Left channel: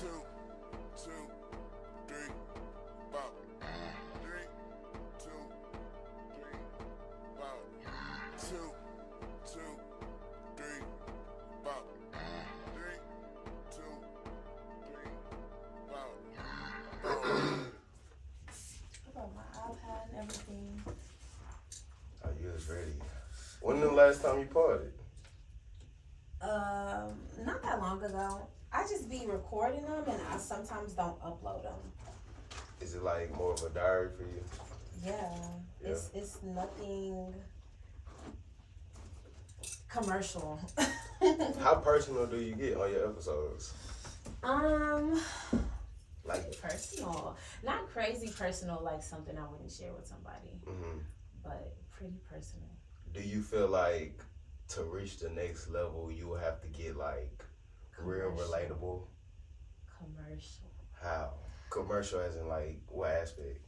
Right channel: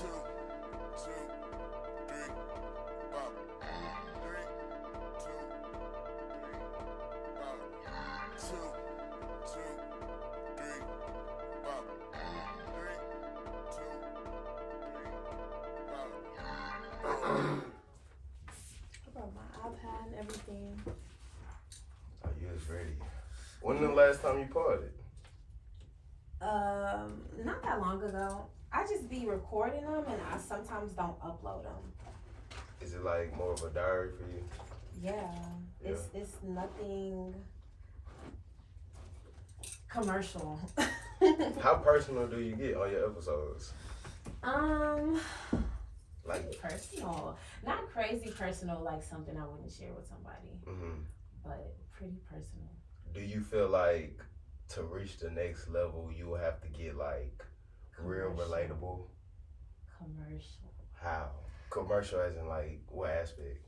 Two, two, three, pop. Three, two, three, pop. Two, two, three, pop. Three, two, three, pop. I brought my iPad and everything. Oh, you was ready. When the last time you partied? Not that long ago. I just be recording them and I sometimes don't upload them. Is it like more of a diary for you? Yeah. It's nothing commercial. How personal do you get on your episodes? Like, Personal. Not crazy personal like something I wouldn't share with somebody. But pretty personal. do you feel like to reach the next level, you will have to get like real Commercial. relatable? Commercial. How? Commercial as in like what aspect?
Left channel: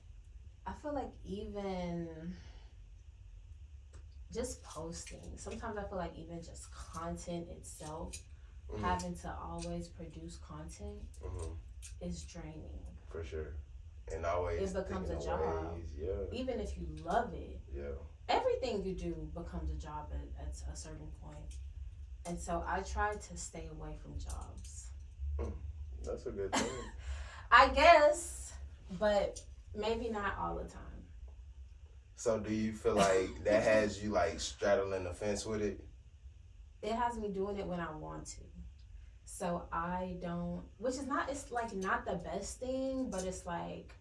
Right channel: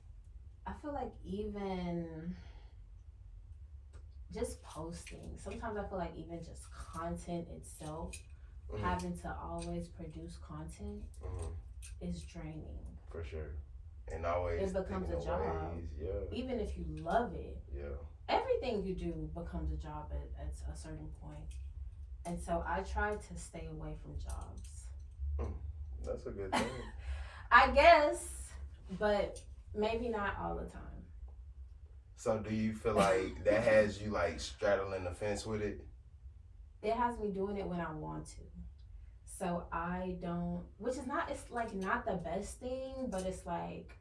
I feel like even just posting. Sometimes I feel like even just content itself, having to always produce content is draining. For sure. And always It becomes thinking a of job. ways, yeah. Even if you love it, Yeah. everything you do becomes a job at a certain point. And so I try to stay away from jobs. That's a good thing. I guess, but maybe not all the time. So do you feel like that has you like straddling the fence with it? It has me doing it when I want to. So I don't, which is not, it's like not the best thing, but it's like,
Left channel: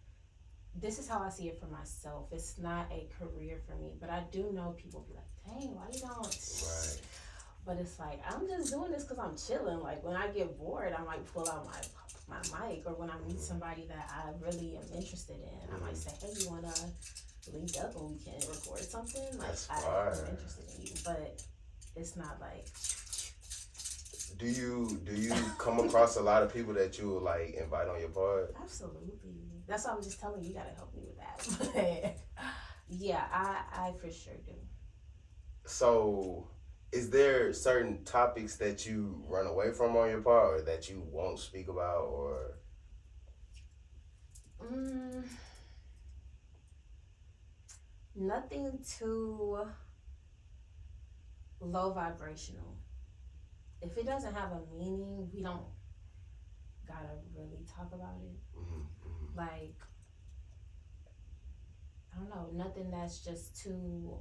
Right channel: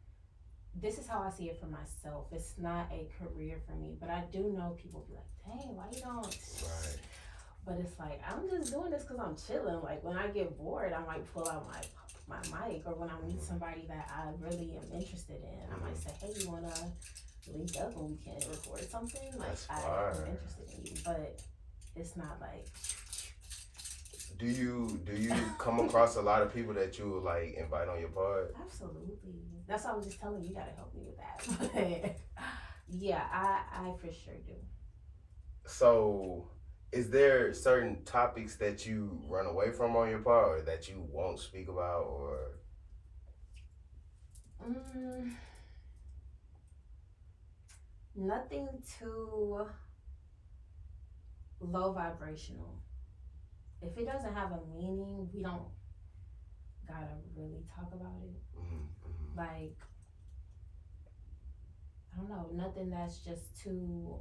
this is how I see it for myself. It's not a career for me, but I do know people be like, dang, why you don't? Right. But it's like, I'm just doing this because I'm chilling. Like when I get bored, I might pull out my mic, or when I meet somebody that I really am interested in, I might say, hey, you want to link up and we can record something? Like That's I'm fire. interested in you, but it's not like, Do you come across a lot of people that you would like invite on your pod? absolutely. That's why I was just telling you, you gotta help me with that. But yeah, I for sure do. So, is there certain topics that you run away from on your pod, or that you won't speak about, or? Nothing too low vibrational. If it doesn't have a meaning, we don't gotta really talk about it. Like, I don't know, nothing that's just too,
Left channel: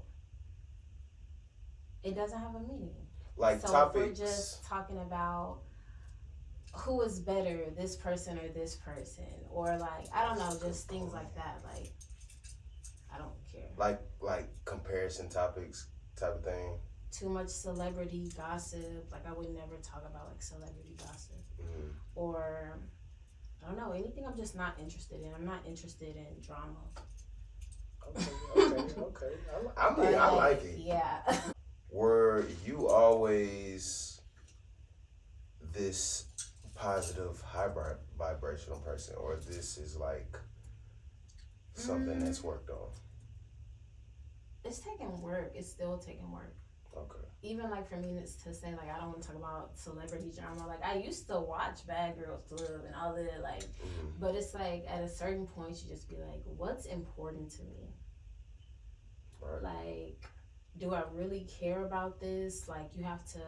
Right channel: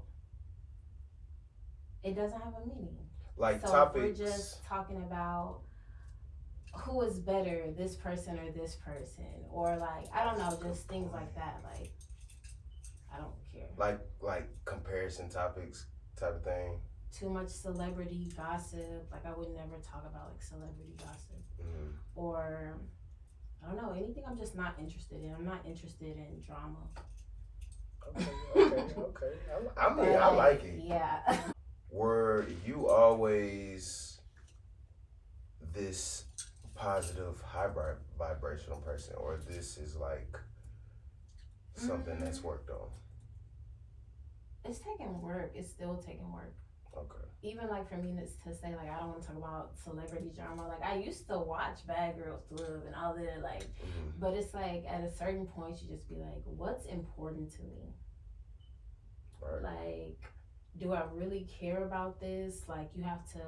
it doesn't have a meaning. Like So topics. if we're just talking about who is better, this person or this person, or like, I don't know, just things like that. Like, I don't care. Like comparison topics type of thing. Too much celebrity gossip. Like, I would never talk about like celebrity gossip. Or I don't know, anything I'm just not interested in. I'm not interested in drama. Okay. I mean, I like it. Yeah. Were you always this positive, high vibrational person, or this is like something that's worked on? It's taking work. It's still taking work. Okay. Even like for me to say like I don't want to talk about celebrity drama. Like I used to watch Bad Girls Club and all that. Like, but it's like at a certain point you just be like, what's important to me? Right. Like, do I really care about this? Like, you have to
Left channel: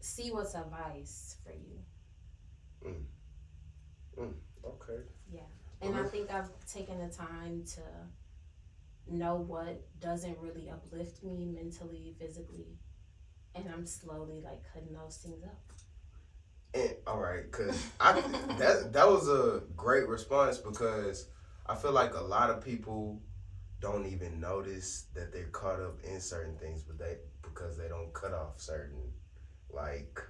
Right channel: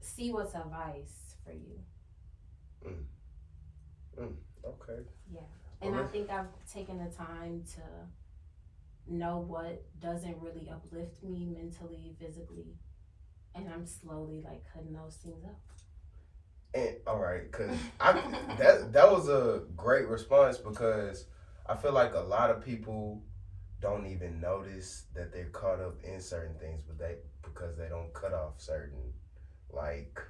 see what's a vice for you. Okay. Yeah. And I think I've taken the time to know what doesn't really uplift me mentally, physically, and I'm slowly like cutting those things up. And, all right, cause that was a great response, because I feel like a lot of people don't even notice that they're caught up in certain things, but because they don't cut off certain, like,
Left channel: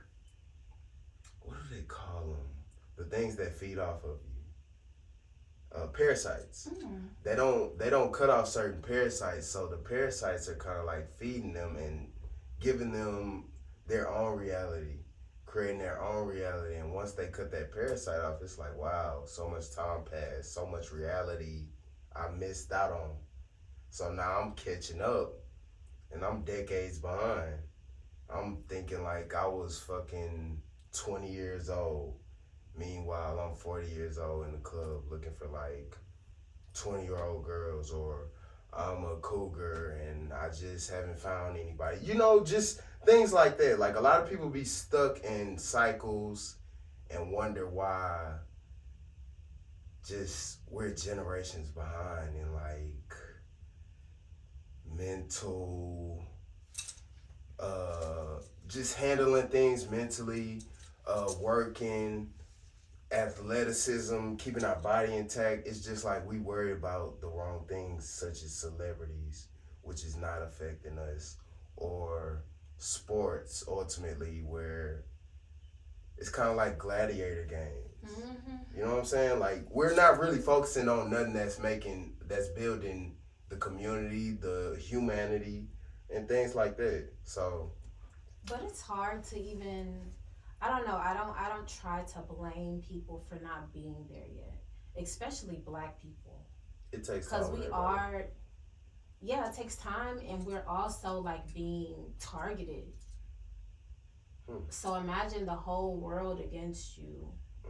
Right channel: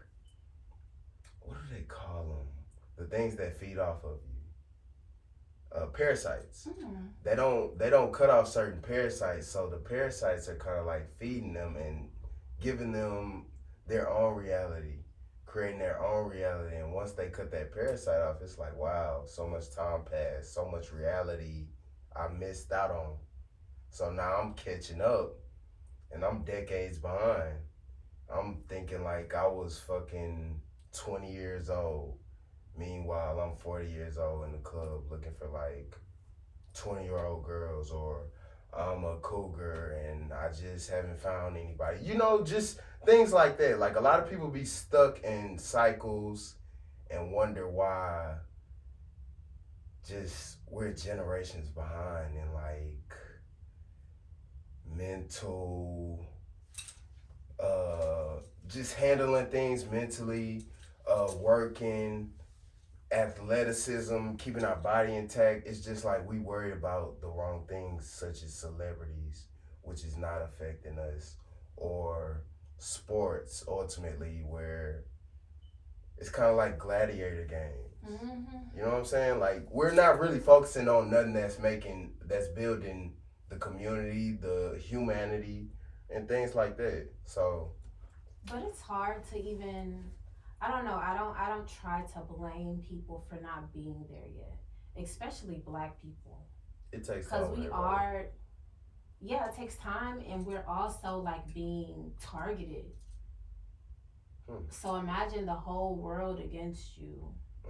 what do they call them? The things that feed off of you. Parasites. They don't cut off certain parasites, so the parasites are kind of like feeding them and giving them their own reality, creating their own reality. And once they cut that parasite off, it's like, wow, so much time passed, so much reality I missed out on. So now I'm catching up and I'm decades behind. I'm thinking like I was fucking 20 years old. Meanwhile, I'm 40 years old in the club looking for like 20-year-old girls, or I'm a cougar and I just haven't found anybody. You know, just things like that. Like a lot of people be stuck in cycles and wonder why just we're generations behind in like mental, just handling things mentally, working, athleticism, keeping our body intact. It's just like we worry about the wrong things, such as celebrities, which is not affecting us, or sports ultimately, where it's kind of like gladiator games. You know what I'm saying? Like we're not really focusing on nothing that's building the community, the humanity, and things like that. So, but it's hard to even. I don't know. I don't try to blame people for not being there yet, especially Black people. it takes time. Because we are, yeah, it takes time, and we're also like being targeted. So imagine the whole world against you,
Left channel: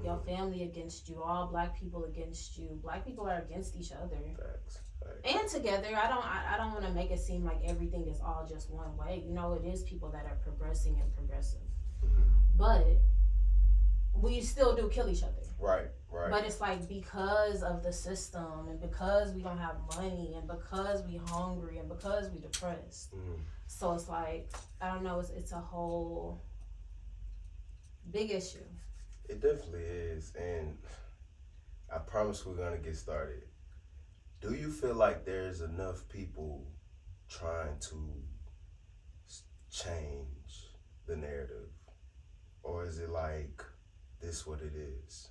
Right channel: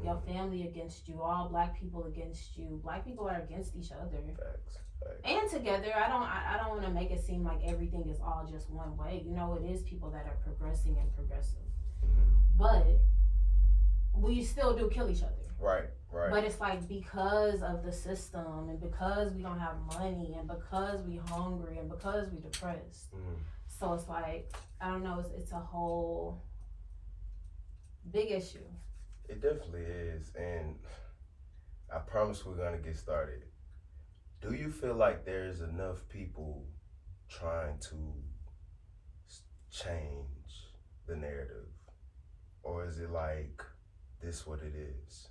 your family against you, all Black people against you. Black people are against each other. Facts. And together. I don't want to make it seem like everything is all just one way. You know, it is people that are progressing and progressive. But we still do kill each other. Right. But it's like because of the system, and because we don't have money, and because we hungry, and because we depressed. So it's like, I don't know, it's a whole big issue. It definitely is, and I promise we're gonna get started. Do you feel like there's enough people trying to change the narrative? Or is it like this what it is?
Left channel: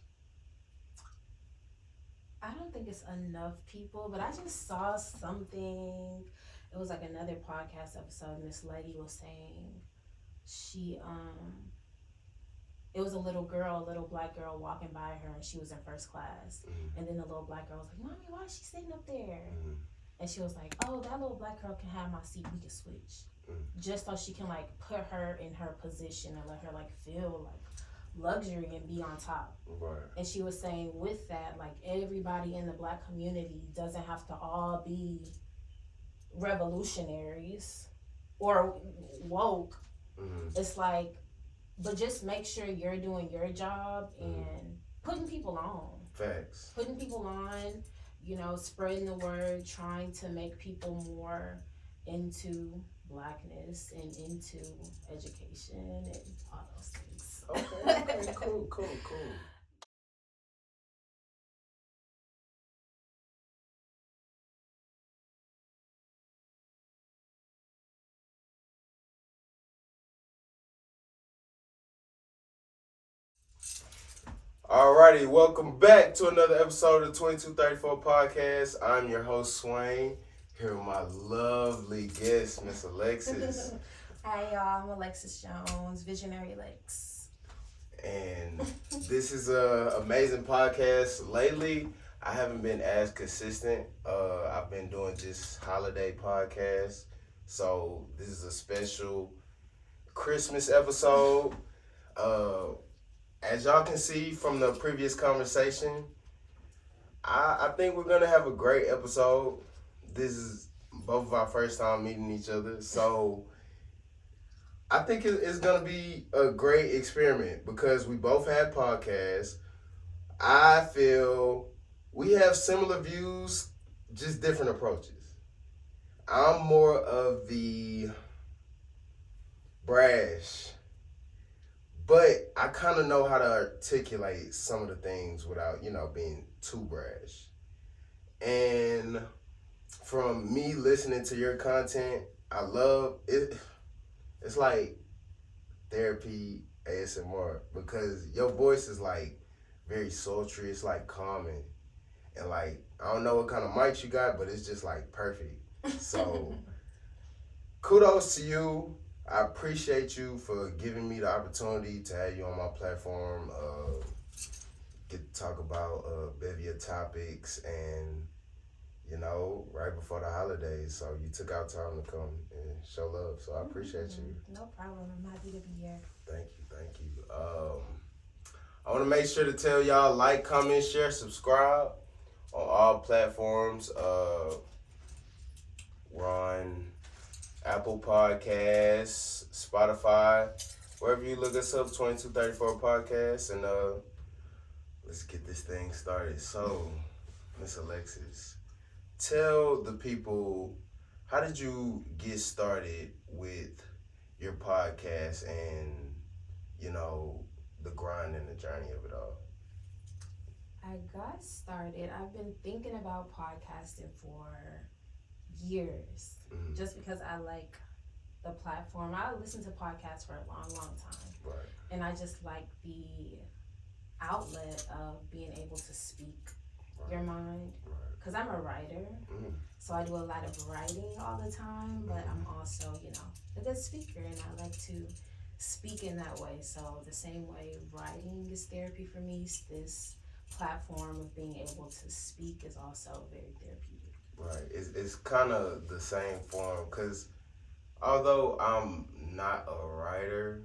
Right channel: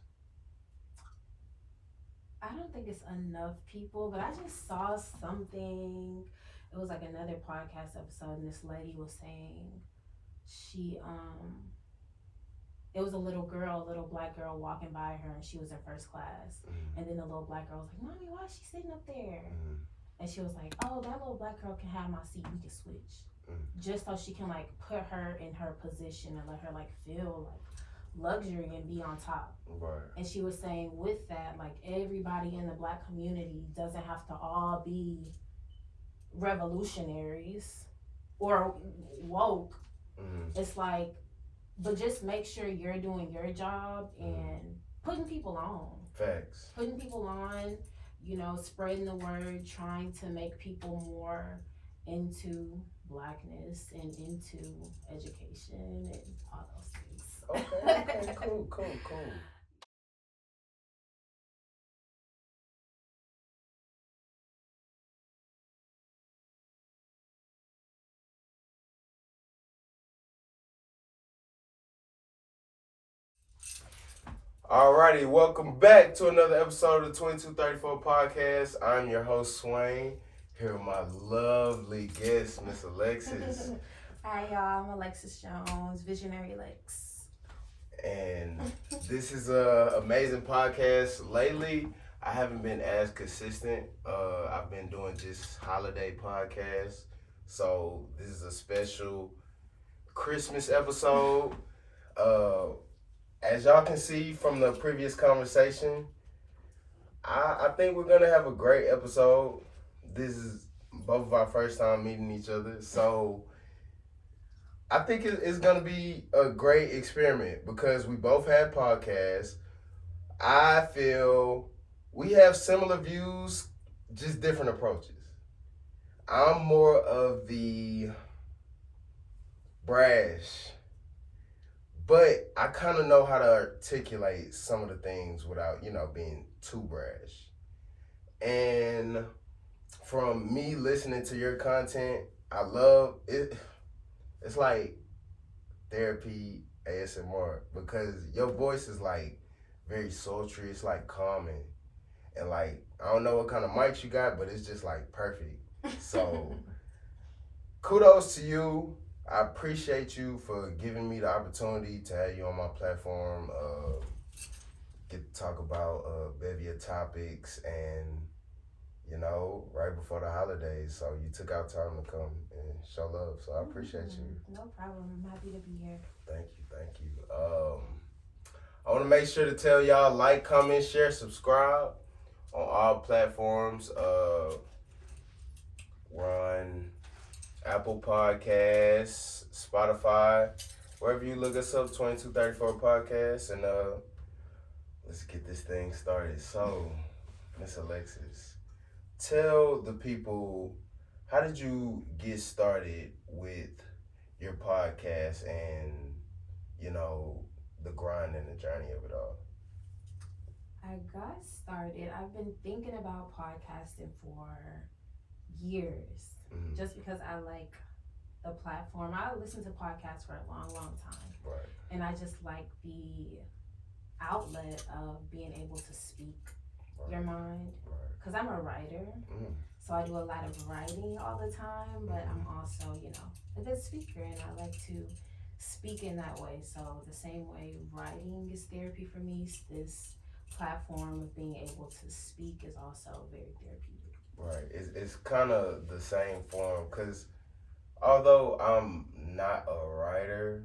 I don't think it's enough people, but I just saw something. It was like another podcast episode, and this lady was saying it was a little Black girl walking by her, and she was in first class. And then the little Black girl was like, "Mommy, why is she sitting up there?" And she was like, "Oh, that little Black girl can have my seat. We can switch." Just so she can like put her in her position and let her like feel like luxury and be on top. Right. And she was saying with that, like everybody in the Black community doesn't have to all be revolutionaries or woke. It's like, but just make sure you're doing your job and putting people on. Facts. Putting people on, you know, spreading the word, trying to make people more into Blackness and into education and all those things. Okay, cool. Alrighty, welcome back to another episode of the 2234 Podcast. I'm your host, Swain, here with my lovely guest, Miss Alexis. Hi, y'all. I'm Alexis Jones, Visionary Lex. And this is an amazing podcast. Lately, I haven't been as consistent. I've been doing just holiday podcasts. So this is a special Christmas episode. As y'all can see from the previous conversation, I think we're going to have a great episode. This is both of our first time meeting each other. So I think it's going to be a great experiment because we both had podcasts. I feel we have similar views, just different approaches. I'm more of the brash, but I kind of know how to articulate some of the things without, being too brash. And from me listening to your content, I love it. It's like therapy ASMR because your voice is like very sultry. It's like calming. And like, I don't know what kind of mics you got, but it's just like perfect. So kudos to you. I appreciate you for giving me the opportunity to have you on my platform, get to talk about bevy of topics, and you know, right before the holidays. So you took out time to come and show love. So I appreciate you. No problem. I'm happy to be here. Thank you, thank you. I want to make sure to tell y'all like, comment, share, subscribe on all platforms. We're on Apple Podcasts, Spotify, wherever you look us up, 2234 Podcasts, and let's get this thing started. So, Miss Alexis, tell the people, how did you get started with your podcast and, you know, the grind and the journey of it all? I got started. I've been thinking about podcasting for years, just because I like the platform. I listened to podcasts for a long time. Right. And I just like the outlet of being able to speak your mind. Right. Because I'm a writer, so I do a lot of writing all the time, but I'm also, you know, a good speaker, and I like to speak in that way. So the same way writing is therapy for me, this platform of being able to speak is also very therapeutic. Right. It's kind of the same form, because although I'm not a writer,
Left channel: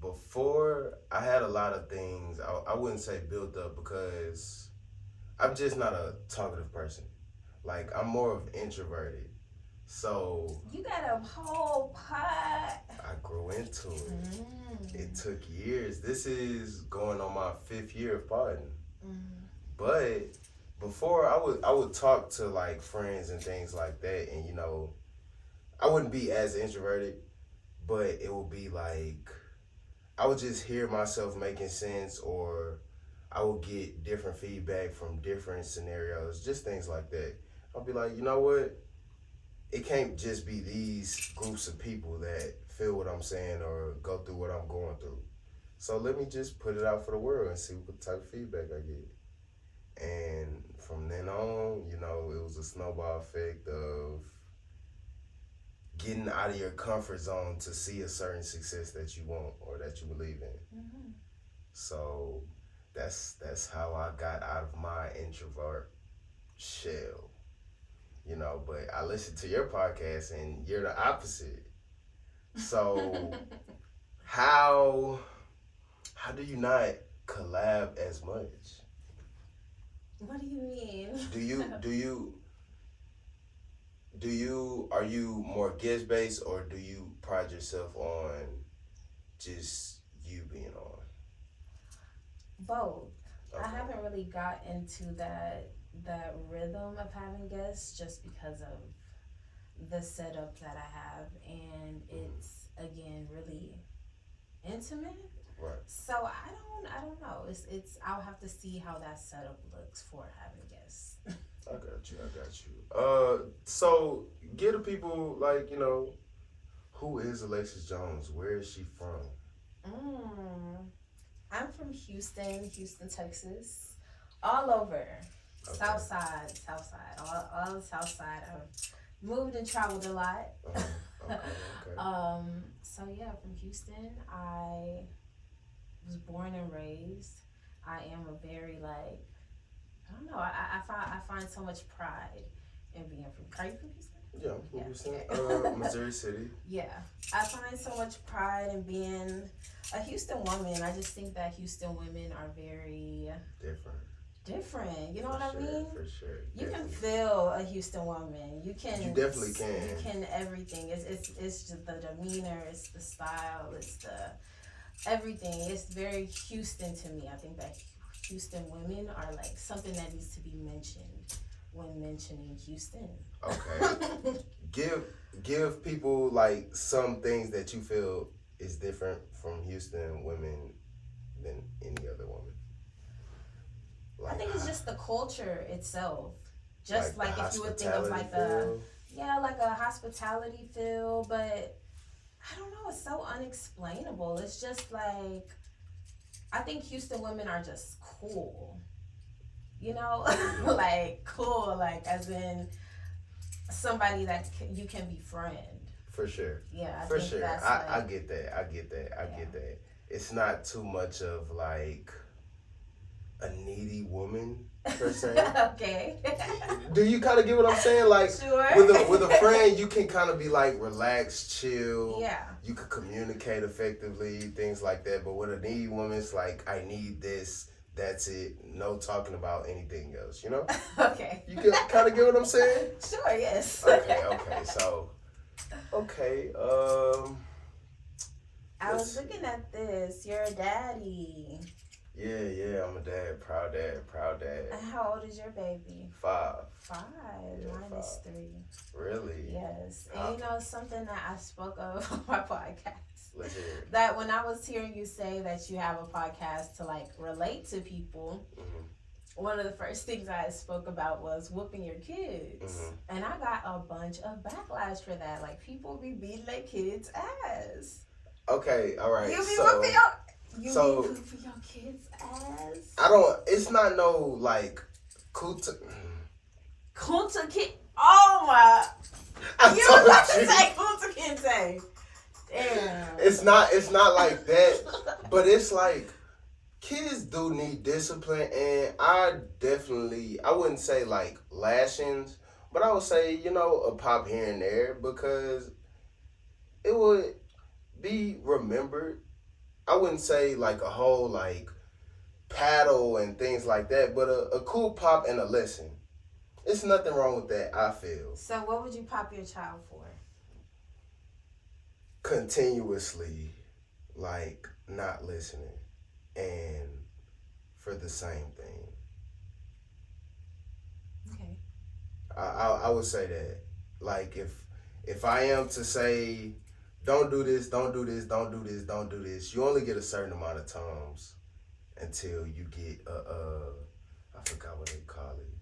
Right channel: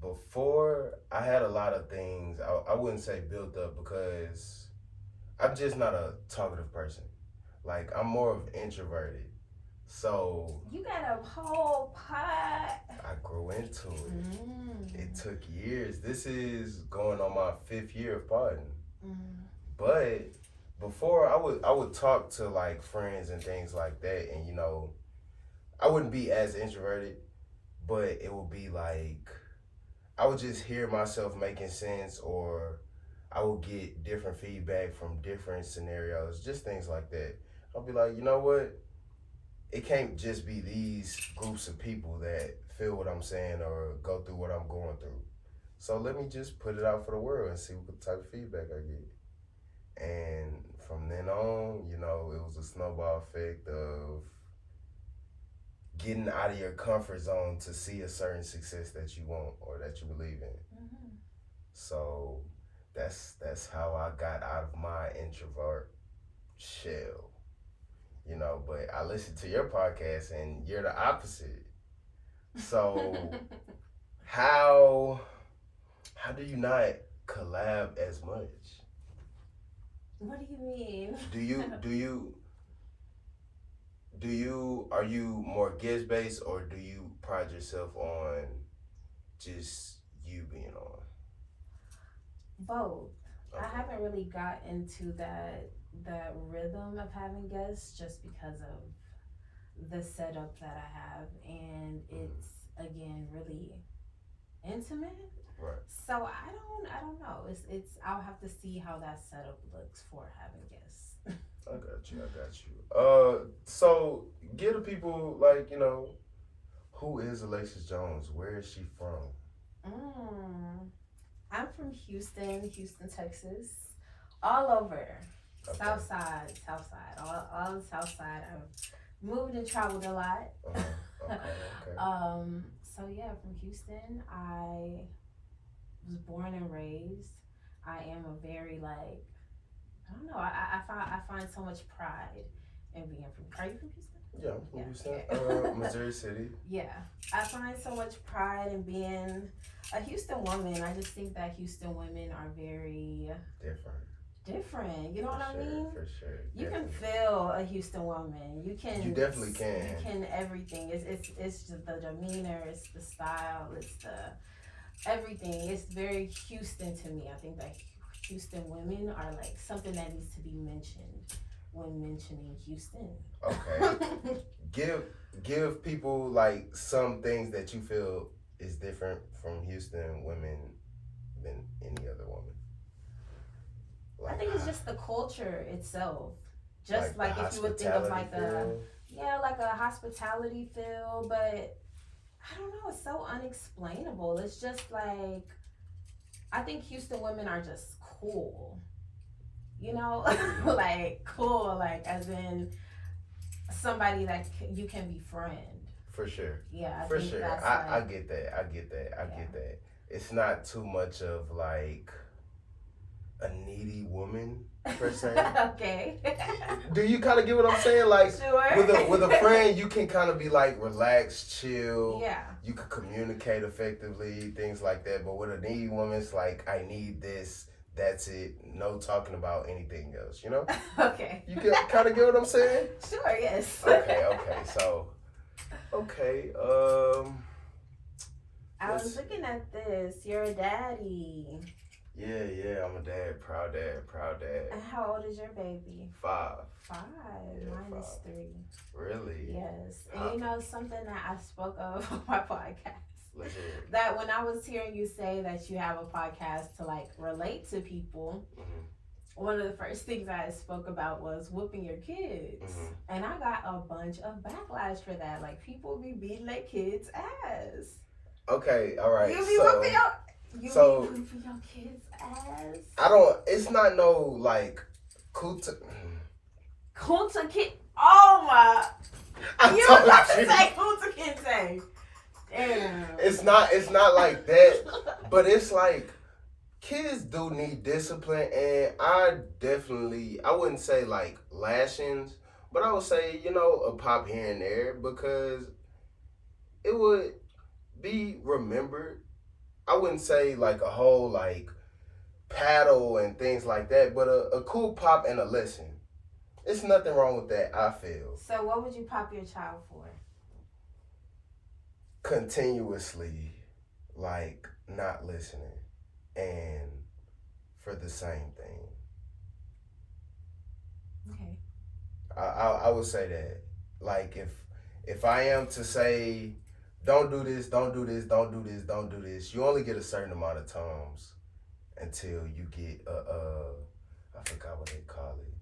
before I had a lot of things, I wouldn't say built up, because I'm just not a talkative person. Like, I'm more of introverted. So You got a whole pot. I grew into it. It took years. This is going on my 5th year of podding. But before, I would talk to like friends and things like that, and you know, I wouldn't be as introverted, but it would be like I would just hear myself making sense, or I would get different feedback from different scenarios, just things like that. I'll be like, you know what? It can't just be these groups of people that feel what I'm saying or go through what I'm going through. So let me just put it out for the world and see what type of feedback I get. And from then on, you know, it was a snowball effect of getting out of your comfort zone to see a certain success that you want or that you believe in. So that's how I got out of my introvert shell, you know. But I listened to your podcast and you're the opposite. So how do you not collab as much? What do you mean? Are you more guest based, or do you pride yourself on just you being on? Both. Okay. I haven't really got into that rhythm of having guests, just because of the setup that I have, and it's again really intimate. Right. So I don't know. It's I'll have to see how that setup looks for having guests. I got you. So give the people, like, you know, who is Alexis Jones? Where is she from? I'm from Houston, Texas, all over. Okay. South side, all the South side. I've moved and traveled a lot. Okay. So yeah, from Houston. I was born and raised. I am a very, like, I don't know. I find so much pride in being from. Are you from Houston? Yeah, I'm from Houston. Okay. Missouri City. Yeah, I find so much pride in being a Houston woman. I just think that Houston women are very different. You know what I mean? For sure. You can feel a Houston woman. You definitely can. You can everything. It's just the demeanor. It's the style. It's the everything. It's very Houston to me. I think that Houston women are like something that needs to be mentioned when mentioning Houston. Okay. Give people like some things that you feel is different from Houston women than any other woman. Like, I think it's just the culture itself. Just like if you would think of like like a hospitality feel, but I don't know, it's so unexplainable. It's just like, I think Houston women are just cool. You know? Like cool, like as in somebody that you can befriend. For sure. Yeah, for sure. I get that. I get that. It's not too much of like a needy woman per se. Okay. Do you kind of get what I'm saying? Like Sure. with a friend, you can kind of be like relaxed, chill. Yeah. You could communicate effectively, things like that. But with a needy woman, it's like, I need this. That's it. No talking about anything else. You know? Okay. You can kind of get what I'm saying? Sure. Yes. Okay. So, okay. I was looking at this. You're a daddy. Yeah. I'm a dad. Proud dad. And how old is your baby? 5. 5. Yeah, Mine is 5. 3. Really? Yes. And you know something that I spoke of on my podcast? Let's hear it. That when I was hearing you say that you have a podcast to like relate to people, one of the first things I spoke about was whooping your kids. And I got a bunch of backlash for that. Like people be beating their kids' ass. Okay, all right. You be whooping your kids' ass. I don't. It's not no like Kunta Kinte. Oh my! You was about to say Kunta Kinte. Damn. It's not like that, but it's like kids do need discipline, and I wouldn't say like lashings, but I would say, a pop here and there, because it would be remembered. I wouldn't say like a whole like paddle and things like that, but a cool pop and a lesson. It's nothing wrong with that, I feel. So what would you pop your child for? Continuously, like, not listening, and for the same thing. Okay. I would say that. Like, if I am to say, don't do this, don't do this, don't do this, don't do this, you only get a certain amount of times until you get I forgot what they call it.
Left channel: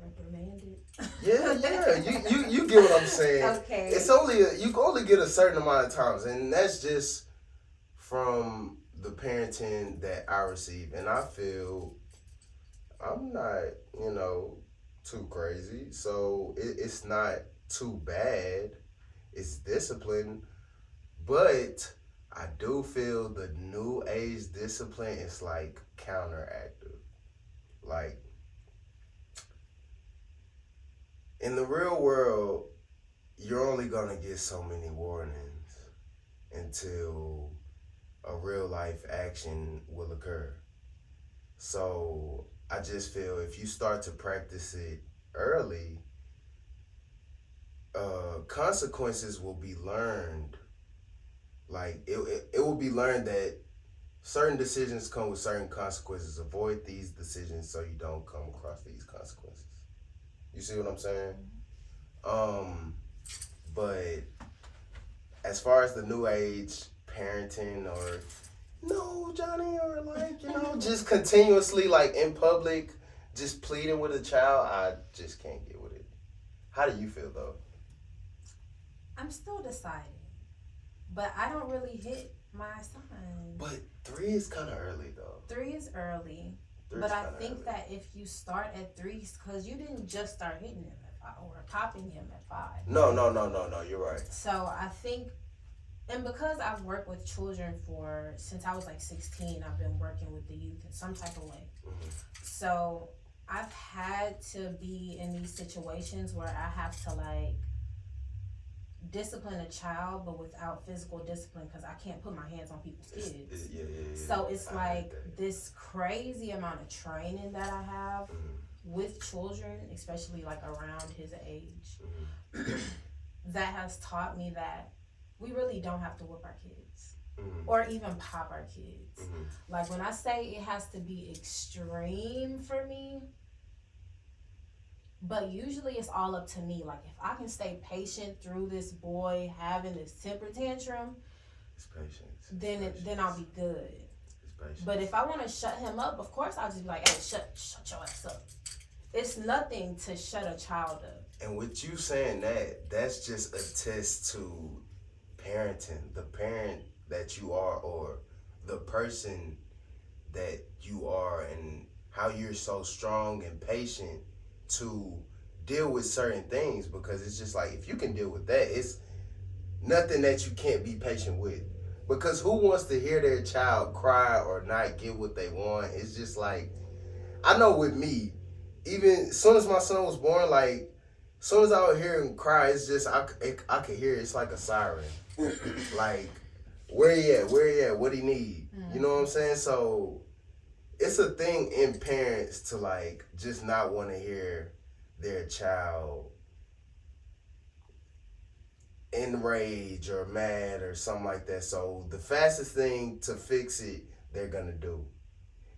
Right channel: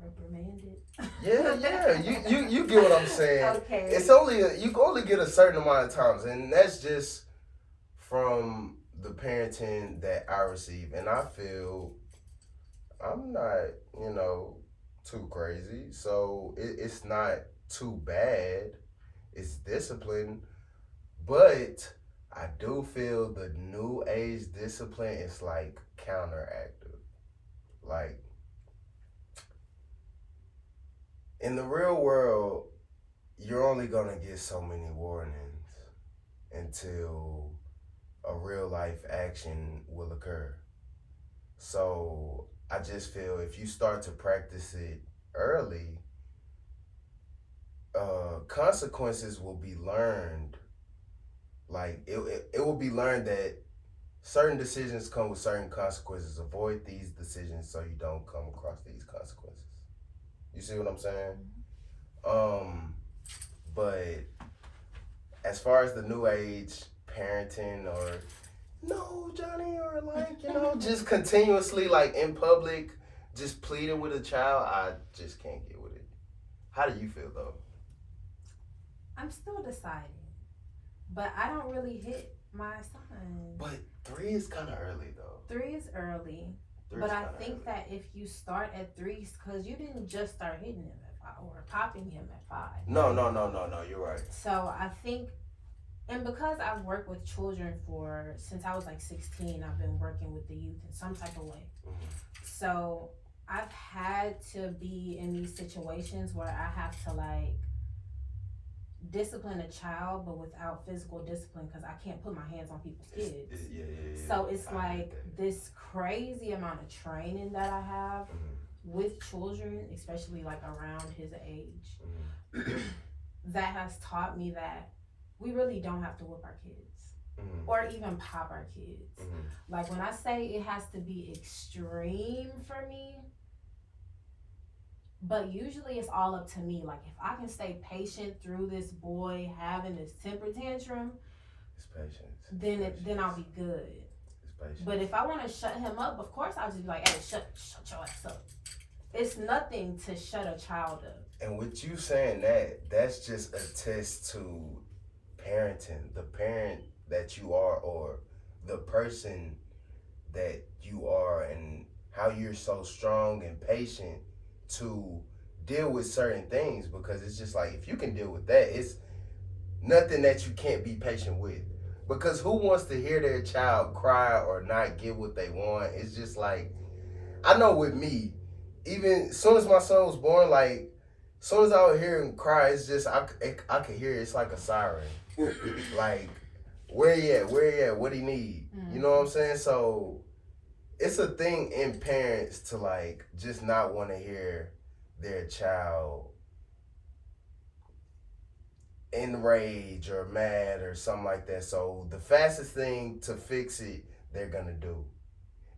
Reprimanded. Yeah. You get what I'm saying. Okay. It's you can only get a certain amount of times, and that's just from the parenting that I receive. And I feel I'm not, too crazy, so it's not too bad. It's discipline, but I do feel the new age discipline is like counteractive. Like, in the real world, you're only gonna get so many warnings until a real life action will occur. So I just feel if you start to practice it early, consequences will be learned. Like it will be learned that certain decisions come with certain consequences. Avoid these decisions so you don't come across these consequences. You see what I'm saying? But as far as the new age parenting, or no, Johnny, or like, just continuously like in public, just pleading with a child, I just can't get with it. How do you feel though? I'm still deciding, but I don't really hit my son. But 3 is kind of early though. 3 is early. But I think that if you start at 3, because you didn't just start hitting him at 5 or popping him at 5. No, you're right. So I think, and because I've worked with children since I was like 16, I've been working with the youth in some type of way. So I've had to be in these situations where I have to like discipline a child, but without physical discipline, because I can't put my hands on people's kids. Yeah. So it's like this crazy amount of training that I have with children, especially like around his age, that has taught me that we really don't have to whip our kids or even pop our kids. Like when I say it has to be extreme for me, but usually it's all up to me. Like if I can stay patient through this boy having this temper tantrum, it's patience. Then I'll be good. But if I want to shut him up, of course I'll just be like, hey, shut your ass up. It's nothing to shut a child up. And with you saying that's just a test to parenting, the parent that you are, or the person that you are, and how you're so strong and patient to deal with certain things. Because it's just like, if you can deal with that, it's nothing that you can't be patient with. Because who wants to hear their child cry or not get what they want? It's just like, I know with me, even as soon as my son was born, like, as soon as I would hear him cry, it's just, I could hear it. It's like a siren. Like, where he at? Where he at? What he need? You know what I'm saying? So, it's a thing in parents to, like, just not want to hear their child enraged or mad or something like that. So, the fastest thing to fix it, they're going to do.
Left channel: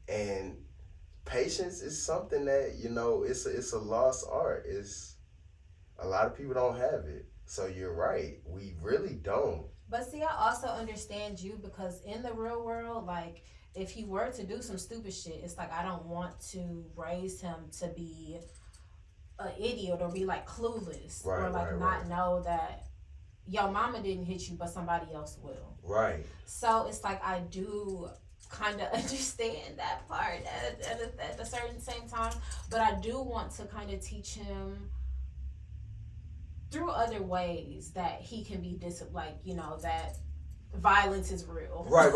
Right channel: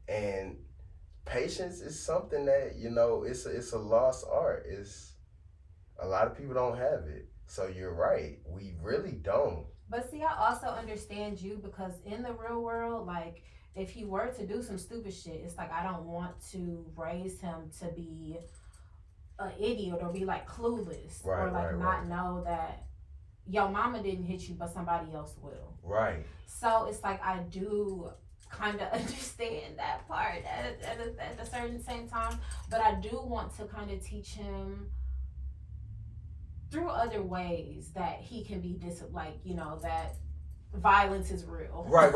And patience is something that, you know, it's a lost art. It's a lot of people don't have it. So you're right. We really don't. But see, I also understand you because in the real world, like if he were to do some stupid shit, it's like I don't want to raise him to be an idiot or be like clueless or like not know that your mama didn't hit you, but somebody else will. Right. So it's like I do kind of understand that part at a certain same time, but I do want to kind of teach him through other ways that he can be like, you know, that violence is real. Right.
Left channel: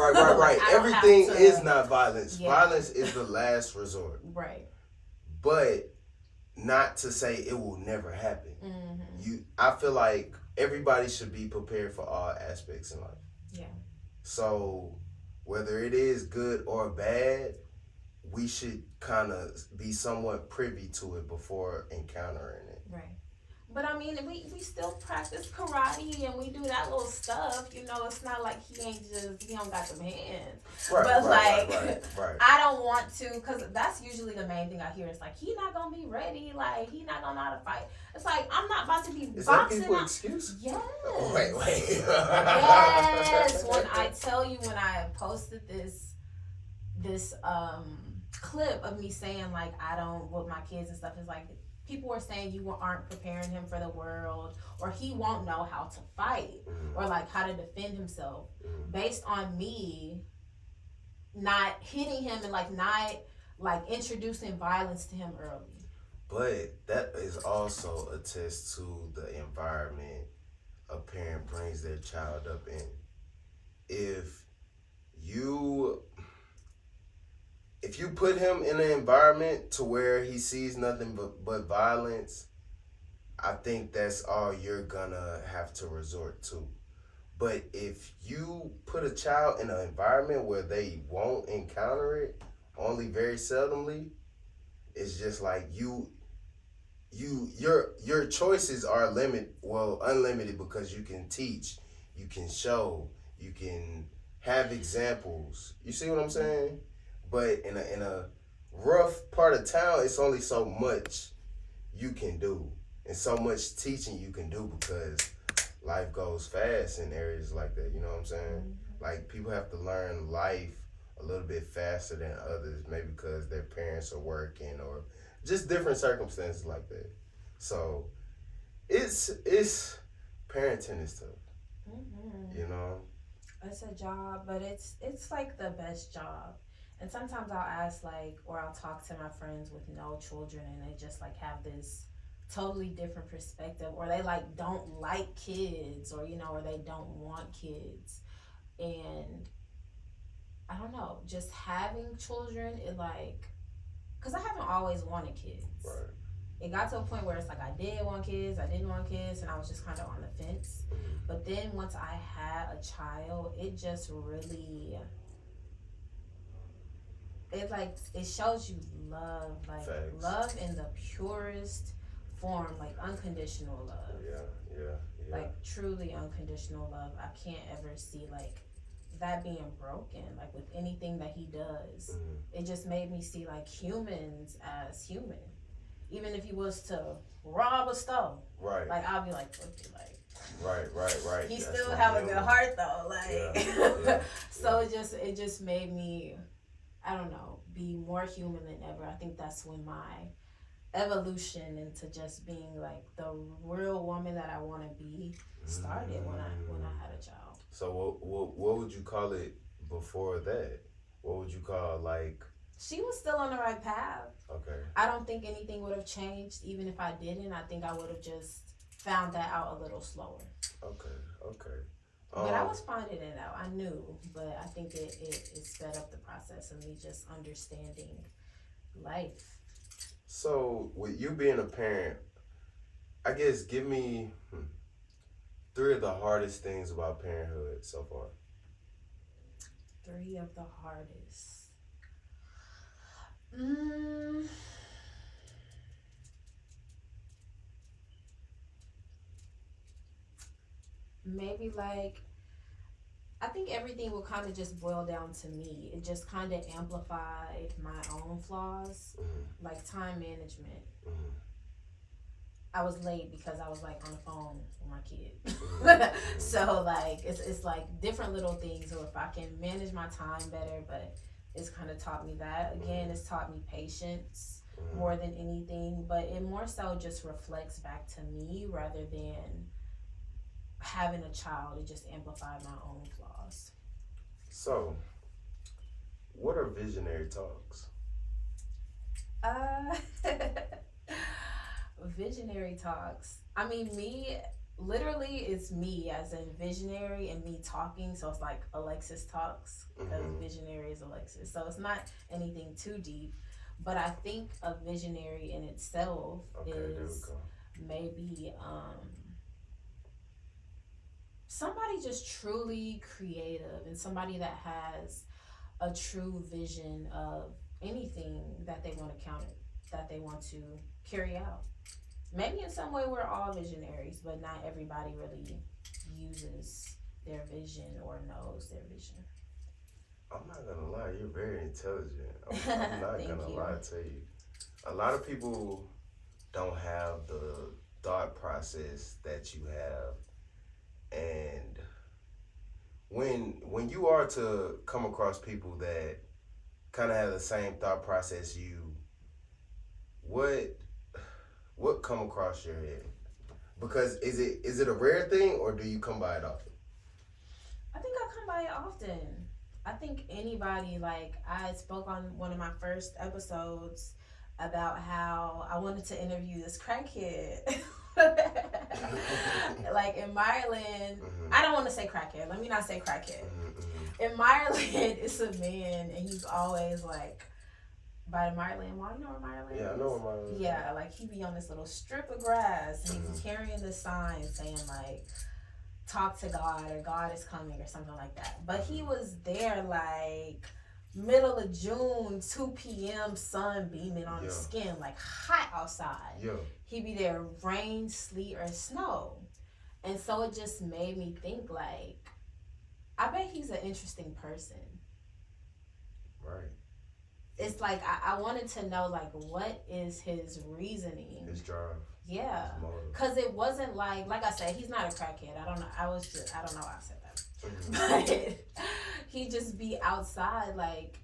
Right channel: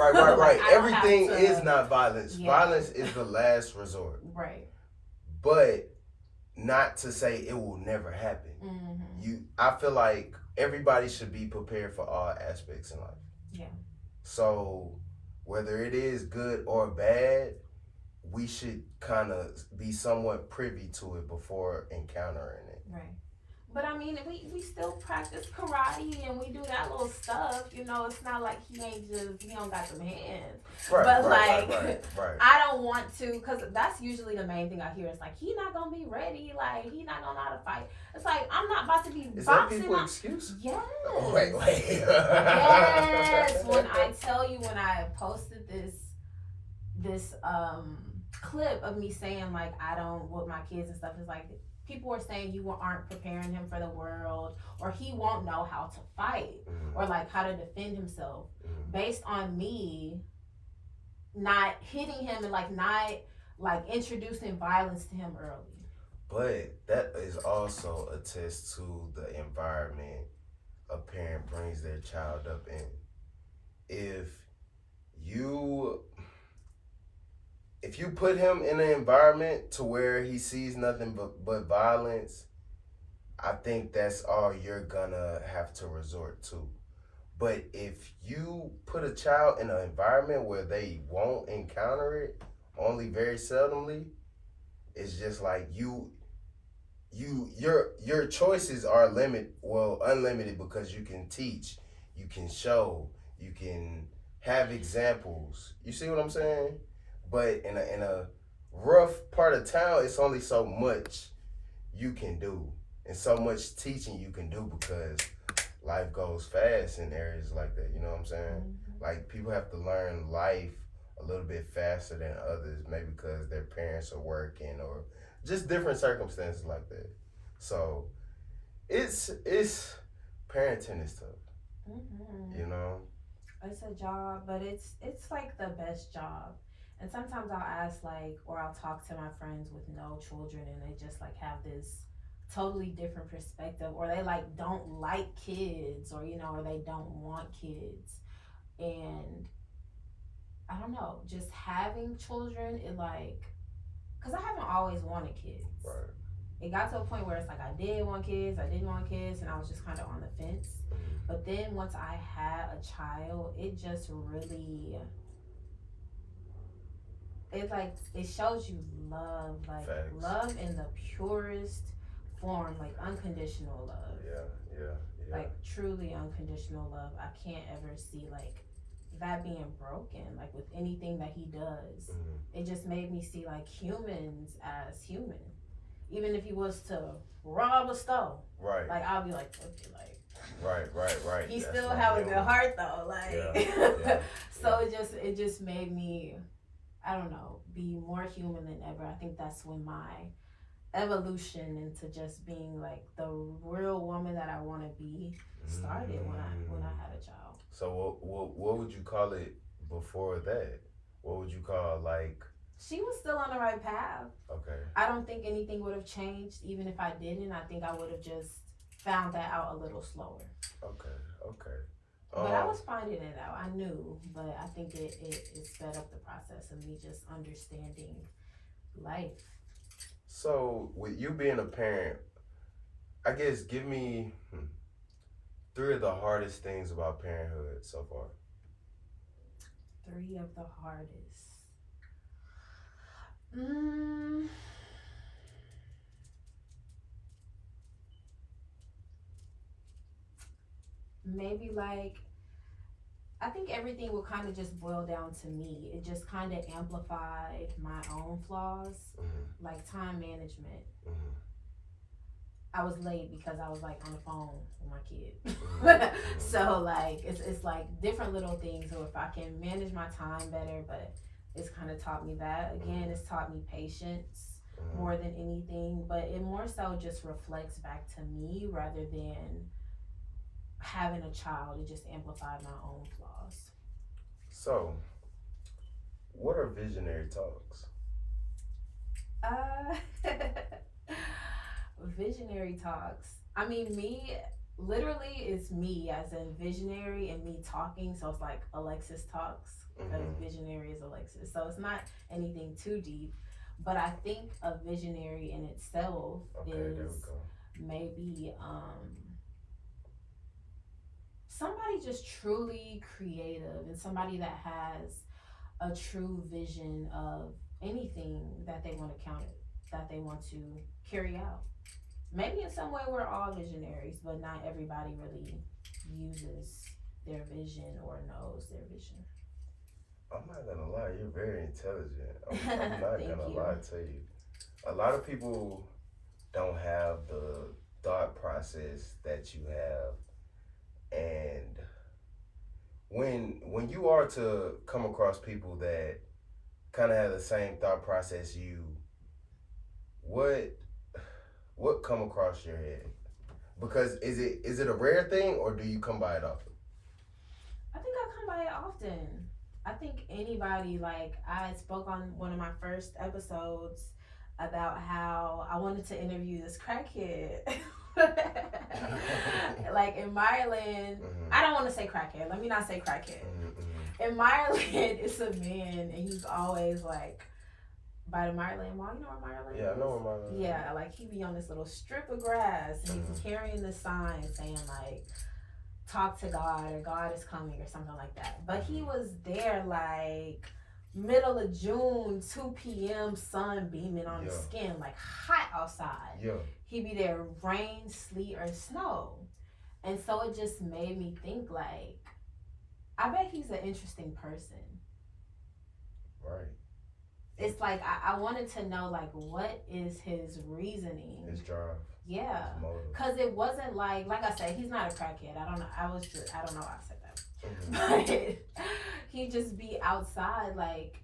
Everything is not violence. Yeah. Violence is the last resort. Right. But not to say it will never happen. Mm-hmm. I feel like everybody should be prepared for all aspects in life. Yeah. So whether it is good or bad, we should kind of be somewhat privy to it before encountering it. Right. But I mean, we still practice karate and we do that little stuff. You know, it's not like he don't got them hands. Right, but right. I don't want to, because that's usually the main thing I hear. It's like, he not going to be ready. Like, he not going to know how to fight. It's like, I'm not about to be Is boxing. Is that people's excuse? Yes. Wait. Yes. When I tell you, when I posted this clip of me saying, like, I don't, with my kids and stuff, it's like, people were saying you aren't preparing him for the world, or he won't know how to fight, or like how to defend himself, based on me not hitting him and like not like introducing violence to him early. But that is also a test to the environment a parent brings their child up in. If you put him in an environment to where he sees nothing but violence, I think that's all you're gonna have to resort to. But if you put a child in an environment where they won't encounter it, only very seldomly, it's just like your choices are unlimited, because you can teach, you can show, you can have examples. You see what I'm saying? But in a rough part of town, it's only so much you can do and so much teaching you can do, because life goes fast in areas like that. You know what I'm saying? Mm-hmm. Like, people have to learn life a little bit faster than others, maybe because their parents are working or just different circumstances like that. So it's parenting is tough. Mm-hmm. You know? It's a job, but it's like the best job. And sometimes I'll ask, like, or I'll talk to my friends with no children, and they just like have this totally different perspective, or they like don't like kids, or you know, or they don't want kids. And I don't know, just having children, it like, because I haven't always wanted kids. Right. It got to a point where it's like I did want kids, I didn't want kids, and I was just kind of on the fence. Mm-hmm. But then once I had a child, it just really, it shows you love, like Facts. Love in the purest form, like unconditional love. Yeah. Like truly unconditional love. I can't ever see like that being broken, like with anything that he does. Mm-hmm. It just made me see like humans as human. Even if he was to rob a store, right? Like I'll be like, okay, like. Right. He still have a good heart though, like. Yeah. So it just made me, I don't know, be more human than ever. I think that's when my evolution into just being like the real woman that I want to be started, when I had a child. So what would you call it before that? What would you call, like? She was still on the right path. Okay. I don't think anything would have changed even if I didn't. I think I would have just found that out a little slower. Okay. But I was finding it out. I knew, but I think it sped up the process of me just understanding life. So, with you being a parent, I guess give me three of the hardest things about parenthood so far. Three of the hardest. Mm, maybe like I think everything will kind of just boil down to me. It just kind of amplified my own flaws, Mm-hmm. like time management. Mm-hmm. I was late because I was like on the phone with my kid. Mm-hmm. So like it's like different little things. So if I can manage my time better, but it's kind of taught me that. Again, it's taught me patience Mm-hmm. more than anything, but it more so just reflects back to me rather than having a child. It just amplified my own flaws. So, what are visionary talks? Uh, visionary talks. I mean, me, literally, it's me as in visionary and me talking. So it's like Alexis talks because Mm-hmm. visionary is Alexis. So it's not anything too deep. But I think a visionary in itself Okay, there we is go. maybe somebody just truly creative and somebody that has a true vision of anything that they want to count that they want to carry out. Maybe in some way we're all visionaries, but not everybody really uses their vision or knows their vision. I'm not gonna lie, you're very intelligent. I'm not Thank gonna you. lie to you. A lot of people don't have the thought process that you have, and when you are to come across people that kind of have the same thought process you, what come across your head? Because is it a rare thing or do you come by it often? I think I come by it often. I think anybody, like, I spoke on one of my first episodes about how I wanted to interview this crackhead. Like in Maryland, Mm-hmm. I don't want to say crackhead. Let me not say crackhead. Mm-hmm. In Maryland, it's a man, and he's always like by the Maryland Mall. You know where Maryland Yeah, is? I know what my Yeah, like he be on this little strip of grass, and he's carrying this sign saying like "Talk to God" or "God is coming" or something like that. But he was there like middle of June, 2 p.m., sun beaming on his skin, like hot outside. Yeah. He be there, rain, sleet, or snow. And so it just made me think like, I bet he's an interesting person. Right. It's like I wanted to know like what is his reasoning. His drive. Yeah. His motive. Cause it wasn't like I said, he's not a crackhead. I don't know. I don't know why I said that. Mm-hmm. But he just be outside like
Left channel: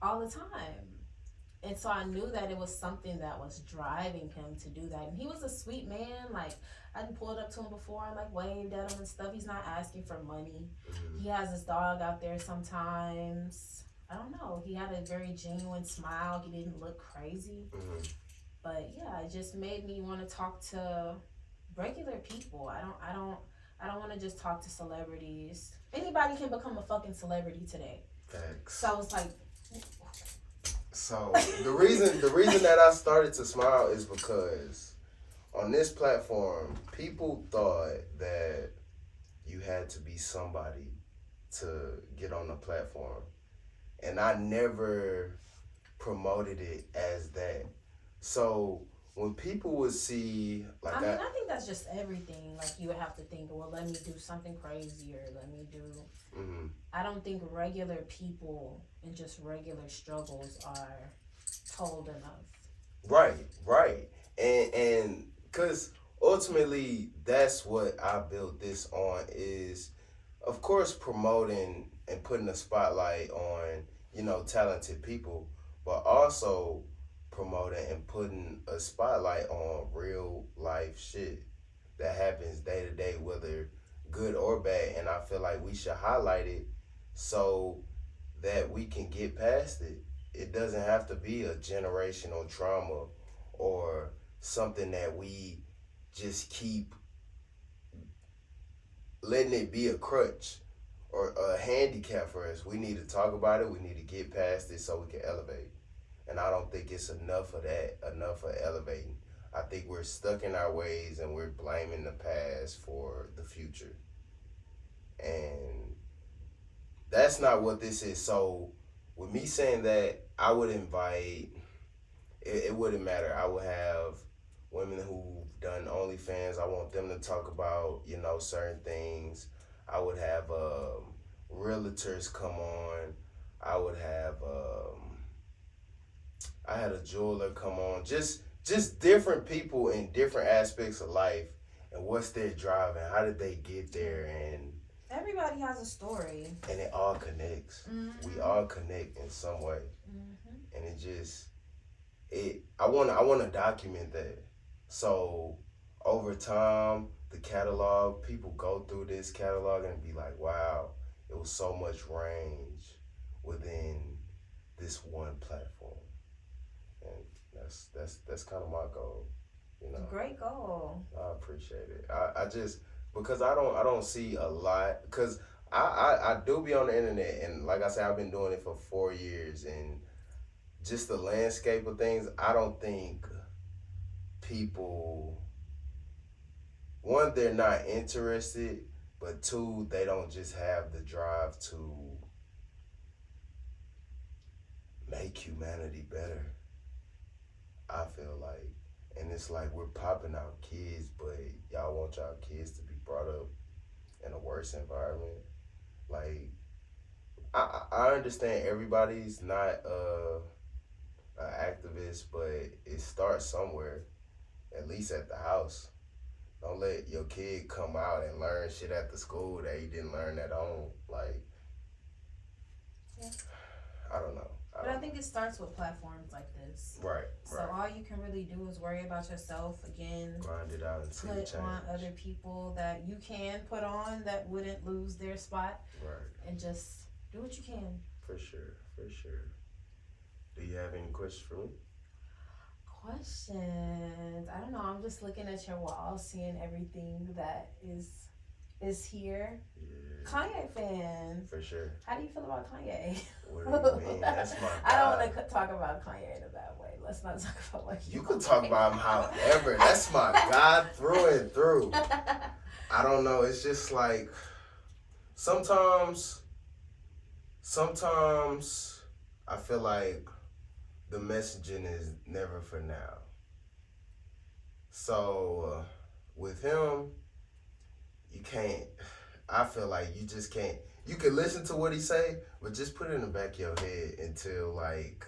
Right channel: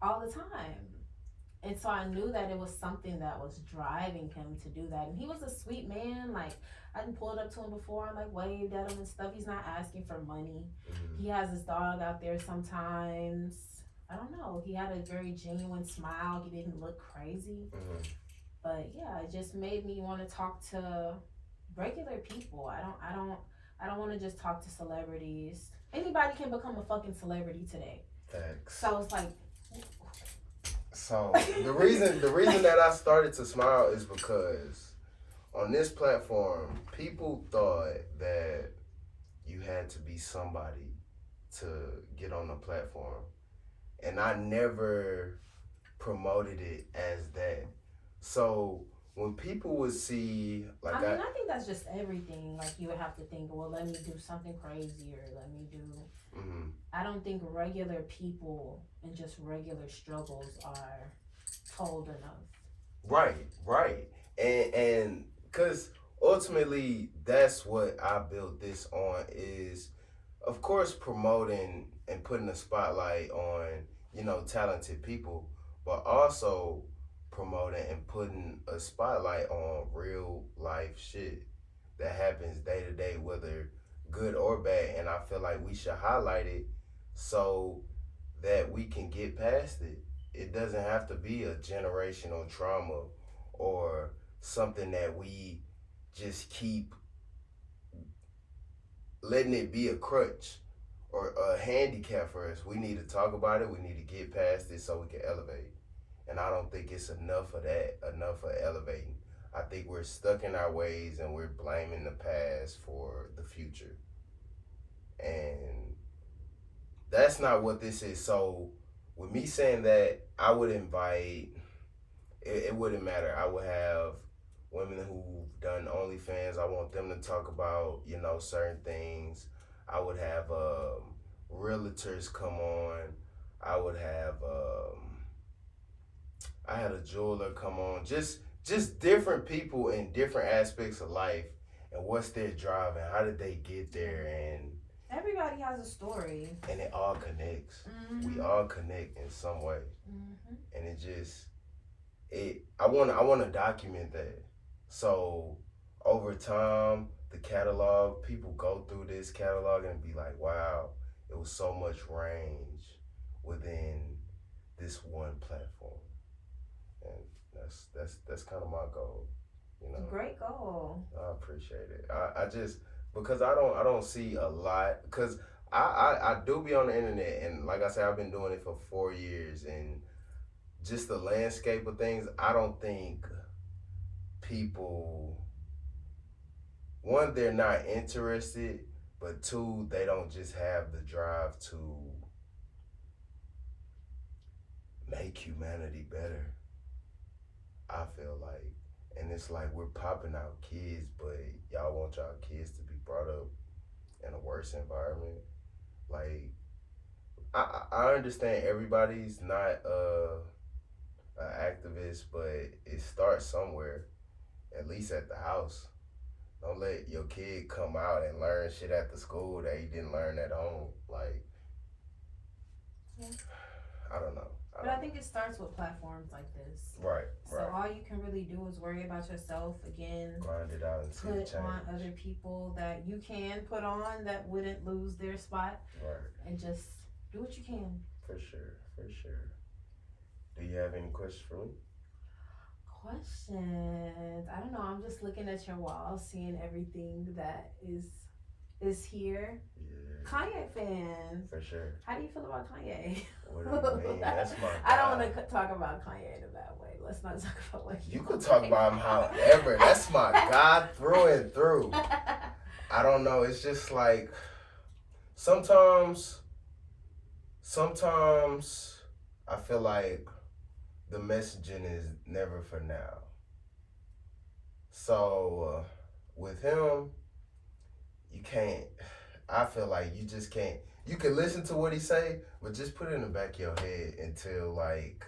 all the time. And so I knew that it was something that was driving him to do that. And he was a sweet man. Like I done pulled up to him before and like waved at him and stuff. He's not asking for money. Mm-hmm. He has his dog out there sometimes. I don't know. He had a very genuine smile. He didn't look crazy. Mm-hmm. But yeah, it just made me want to talk to regular people. I don't want to just talk to celebrities. Anybody can become a fucking celebrity today. Facts. So it's like. So the reason that I started to smile is because on this platform, people thought that you had to be somebody to get on the platform, and I never promoted it as that. So when people would see, like, I think that's just everything. Like you would have to think, well, let me do something crazy or let me do. mm-hmm. I don't think regular people and just regular struggles are told enough. Right, and because ultimately that's what I built this on is, of course, promoting and putting a spotlight on talented people, but also promoting and putting a spotlight on real life shit that happens day to day, whether good or bad. And I feel like we should highlight it so that we can get past it. It doesn't have to be a generational trauma or something that we just keep letting it be a crutch or a handicap for us. We need to talk about it. We need to get past it so we can elevate. And I don't think it's enough of that, enough of elevating. I think we're stuck in our ways and we're blaming the past for the future. And that's not what this is. So, with me saying that, I would invite, it wouldn't matter. I would have women who've done OnlyFans. I want them to talk about, certain things. I would have realtors come on. I would have, I had a jeweler come on. Just different people in different aspects of life and what's their drive and how did they get there, and everybody has a story. And it all connects. Mm-hmm. We all connect in some way. Mm-hmm. And I wanna document that. So over time, the catalog, people go through this catalog and be like, wow, it was so much range within this one platform. And that's kind of my goal, Great goal. I appreciate it. I just, because I don't see a lot, because I do be on the internet, and like I said, I've been doing it for 4 years, and just the landscape of things, I don't think people, one, they're not interested, but two, they don't just have the drive to make humanity better. I feel like, and it's like we're popping out kids, but y'all want y'all kids to be brought up in a worse environment. Like, I understand everybody's not an activist, but it starts somewhere, at least at the house. Don't let your kid come out and learn shit at the school that you didn't learn at home. Like, yeah. I don't know. But I think it starts with platforms like this. Right. So all you can really do is worry about yourself again. Grind it out and see put change. on other people that you can put on that wouldn't lose their spot. Right. And just do what you can. For sure. Do you have any questions for me? Questions? I don't know. I'm just looking at your wall, seeing everything that is here. Yeah. Kanye fan. For sure. How do you feel about Kanye? What do you mean? That's my guy. I don't want to talk about Kanye in a bad way. Let's not talk about what you could talk about him however. That's my God through and through. I don't know. It's just like sometimes I feel like the messaging is never for now. So with him, you can't. I feel like you just can't. You can listen to what he say, but just put it in the back of your head until like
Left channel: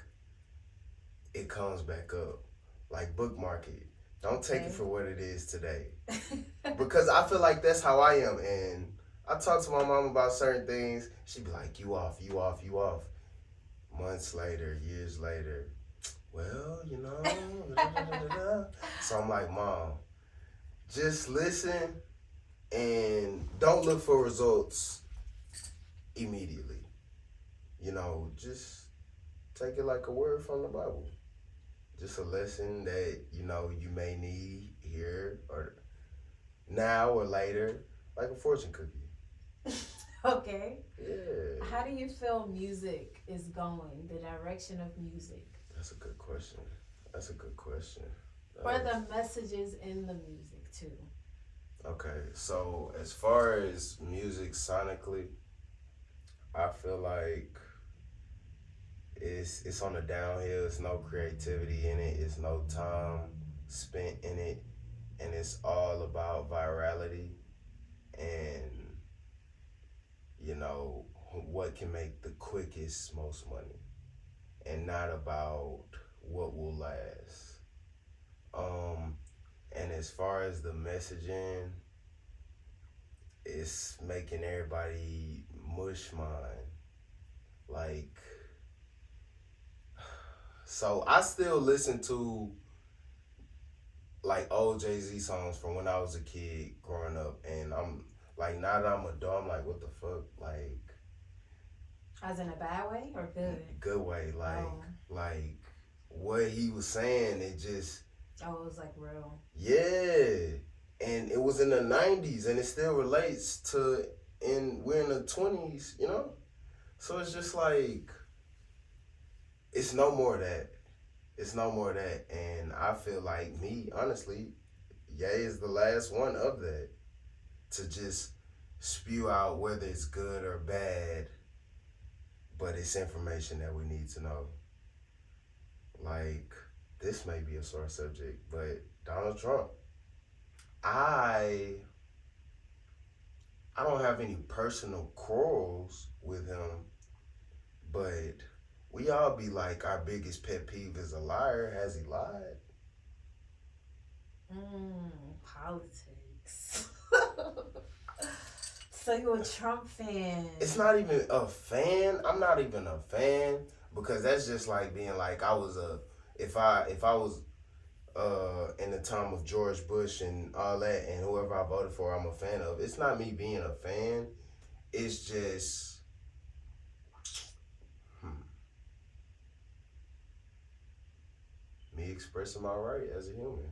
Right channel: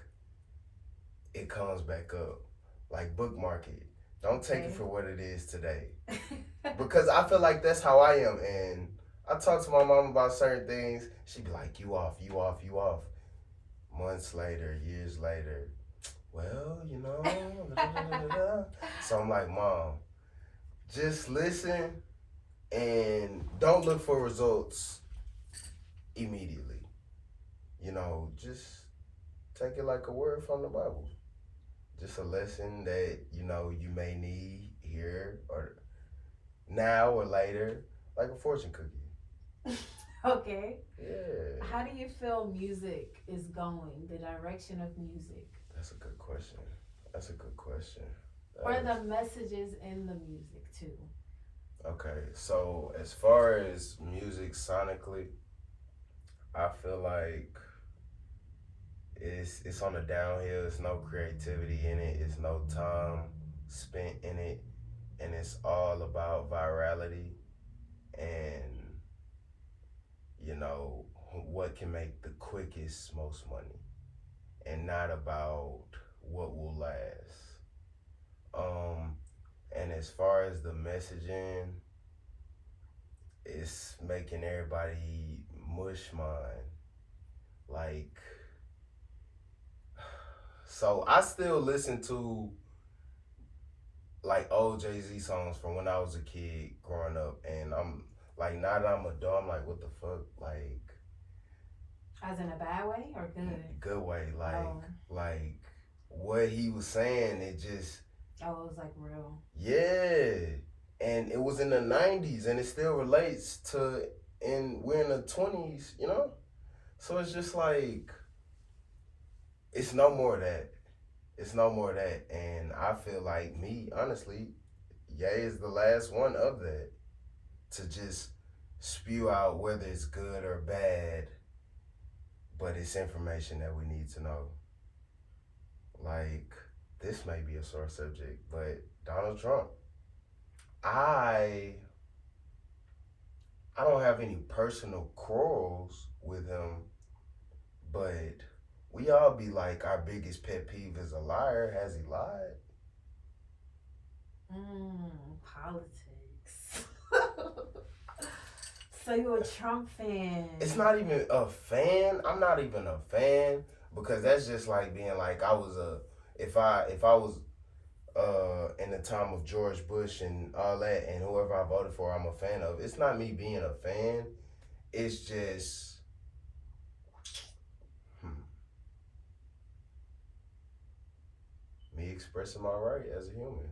it comes back up. Like bookmark it. Don't take it for what it is today. Because I feel like that's how I am. And I talk to my mom about certain things. She'd be like, you off. Months later, years later, well, So I'm like, Mom, just listen and don't look for results immediately. Just take it like a word from the Bible. Just a lesson that, you may need here or now or later, like a fortune cookie. Okay. Yeah. How do you feel music is going, the direction of music? That's a good question. Or the messages in the music, too. Okay, so as far as music sonically, I feel like it's on a downhill. There's no creativity in it. It's no time spent in it. And it's all about virality and, what can make the quickest, most money. And not about what will last. And as far as the messaging, it's making everybody mush mind. Like, so I still listen to like old Jay-Z songs from when I was a kid growing up, and I'm like, now that I'm adult, I'm like, what the fuck? Like, as in a bad way or good? Good way. Like what he was saying, it just. Oh, it was like real. Yeah. And it was in the 90s and it still relates to, we're in the 20s, So it's just like, it's no more of that. It's no more of that. And I feel like me, honestly, Ye is the last one of that to just spew out whether it's good or bad, but it's information that we need to know. Like, this may be a sore subject, but Donald Trump. I I don't have any personal quarrels with him, but we all be like our biggest pet peeve is a liar. Has he lied? Politics. So you're a Trump fan? It's not even a fan. I'm not even a fan because that's just like being like I was a if I was in the time of George Bush and all that and whoever I voted for I'm a fan of. It's not me being a fan. It's just me expressing my right as a human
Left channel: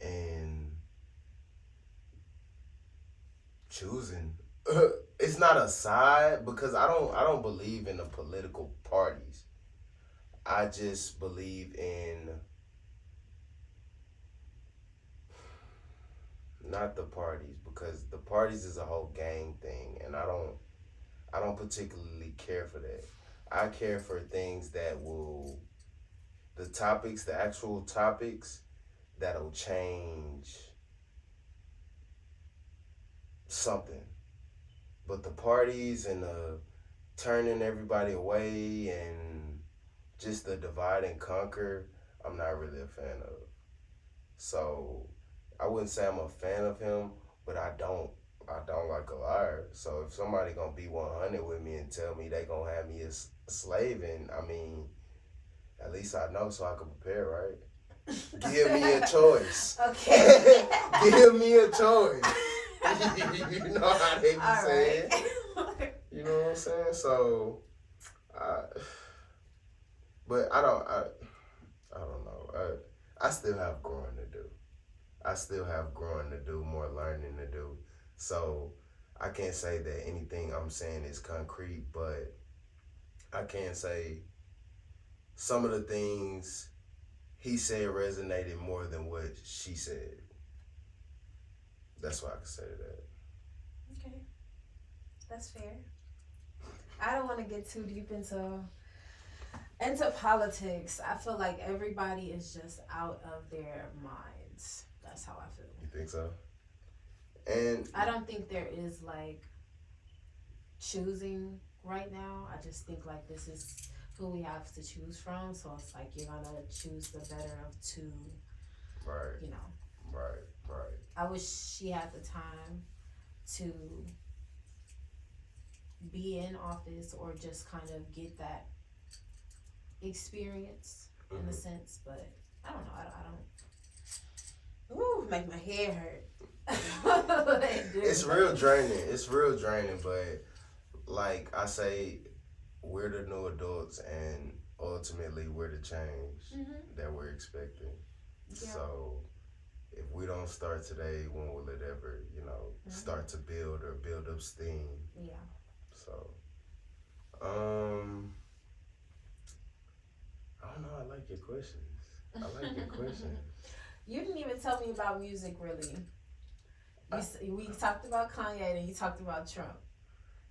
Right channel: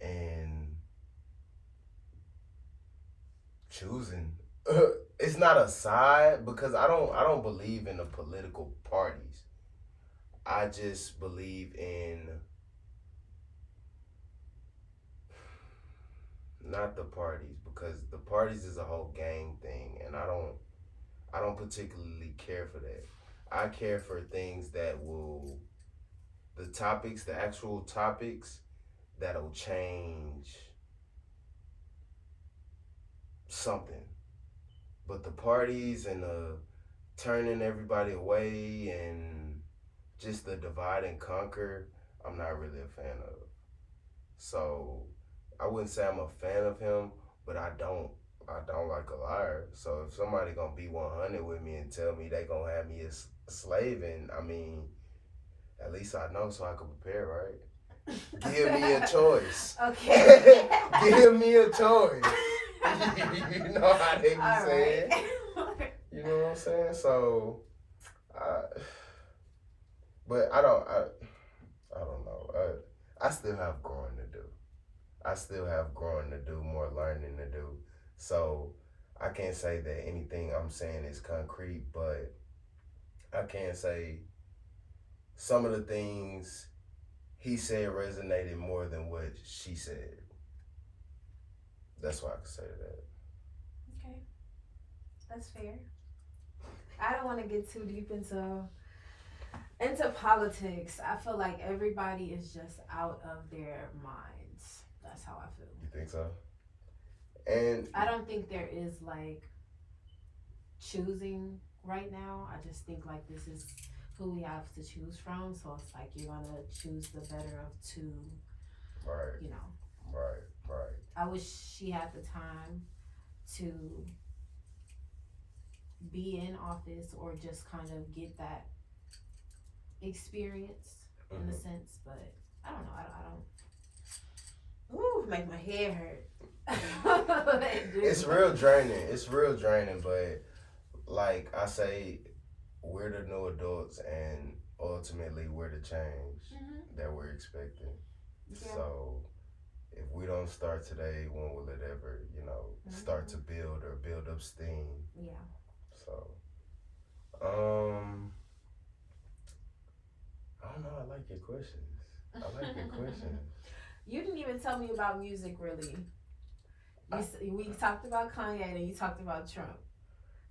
and choosing. It's not a side because I don't believe in the political parties. I just believe in not the parties because the parties is a whole gang thing and I don't particularly care for that. I care for things that will the actual topics that'll change something. But the parties and the turning everybody away and just the divide and conquer, I'm not really a fan of. So I wouldn't say I'm a fan of him, but I don't like a liar. So if somebody gonna be 100 with me and tell me they gonna have me as a slave, and I mean, at least I know so I can prepare, right? Give me a choice. Okay. Give me a choice. You know how they be All saying. right. You know what I'm saying? So, but I don't know. I still have growing to do. I still have growing to do, more learning to do. So I can't say that anything I'm saying is concrete, but I can say some of the things he said resonated more than what she said. That's what I can say to that. Okay, that's fair. I don't want to get too deep into politics. I feel like everybody is just out of their minds. That's how I feel. You think so? And I don't think there is like choosing right now. I just think like this is who we have to choose from. So it's like you're gonna choose the better of two. right, You know, right. I wish she had the time to be in office or just kind of get that experience in a sense. But I don't know. I don't. Ooh, make my head hurt. It's real draining. It's real draining, but like I say, we're the new adults, and ultimately we're the change that we're expecting. Yeah. So if we don't start today, when will it ever, start to build or build up steam? Yeah. So, I don't know. I like your questions. I like your questions. You didn't even tell me about music, really. We talked about Kanye and you talked about Trump.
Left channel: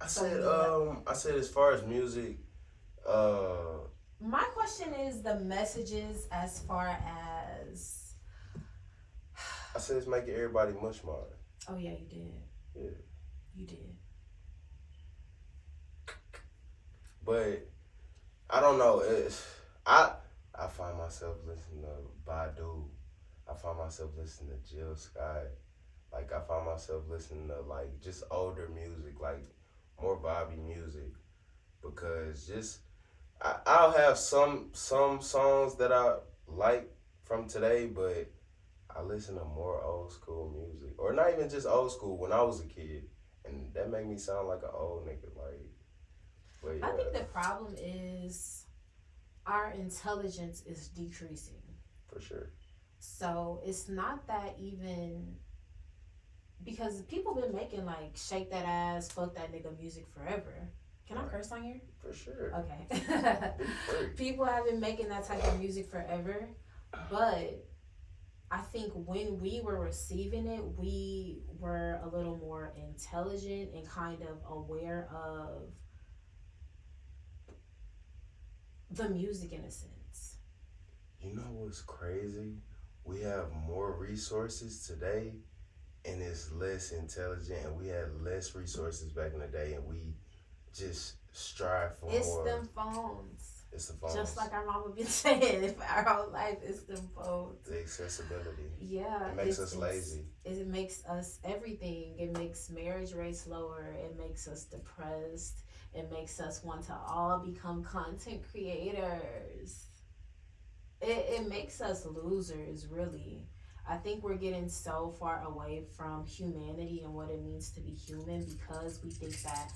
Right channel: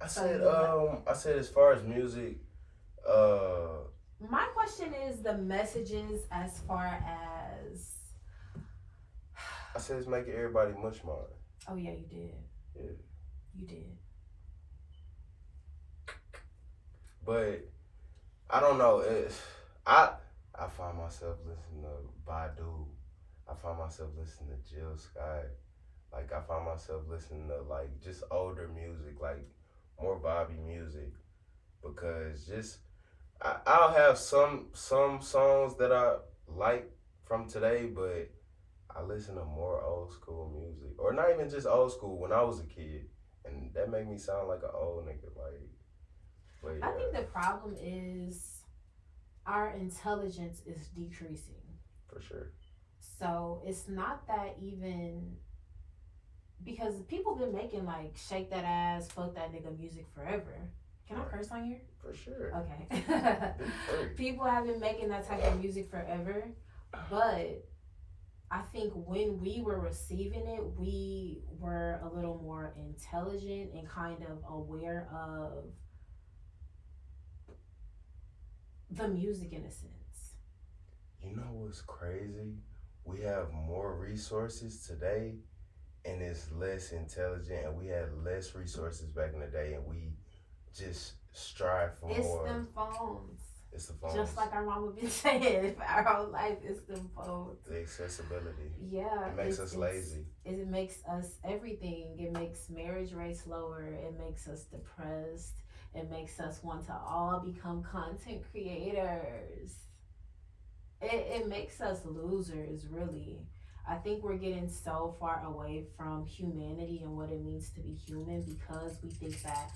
I So said as far as music, my question is the messages as far as. I said it's making everybody much more. Oh yeah, you did. Yeah. You did. But I don't know. I find myself listening to Badu. I find myself listening to Jill Scott. Like I find myself listening to like just older music, like more Bobby music, because just I'll have some songs that I like from today, but I listen to more old school music, or not even just old school. When I was a kid, and that made me sound like an old nigga. Like, but yeah. I think the problem is our intelligence is decreasing. For sure. So it's not that even because people been making like shake that ass, fuck that nigga music forever. Can I curse on here? For sure. Okay. Be free. People have been making that type of music forever, but I think when we were receiving it, we were a little more intelligent and kind of aware of the music in a sense. You know what's crazy? We have more resources today and it's less intelligent, and we had less resources back in the day, and we just strive for It's more. them phones. It's the phones. Just like our mama been saying, for our whole life, it's them phones. The accessibility. Yeah. It makes us lazy. It makes us everything. It makes marriage rates lower. It makes us depressed. It makes us want to all become content creators. It makes us losers, really. I think we're getting so far away from humanity and what it means to be human because we think that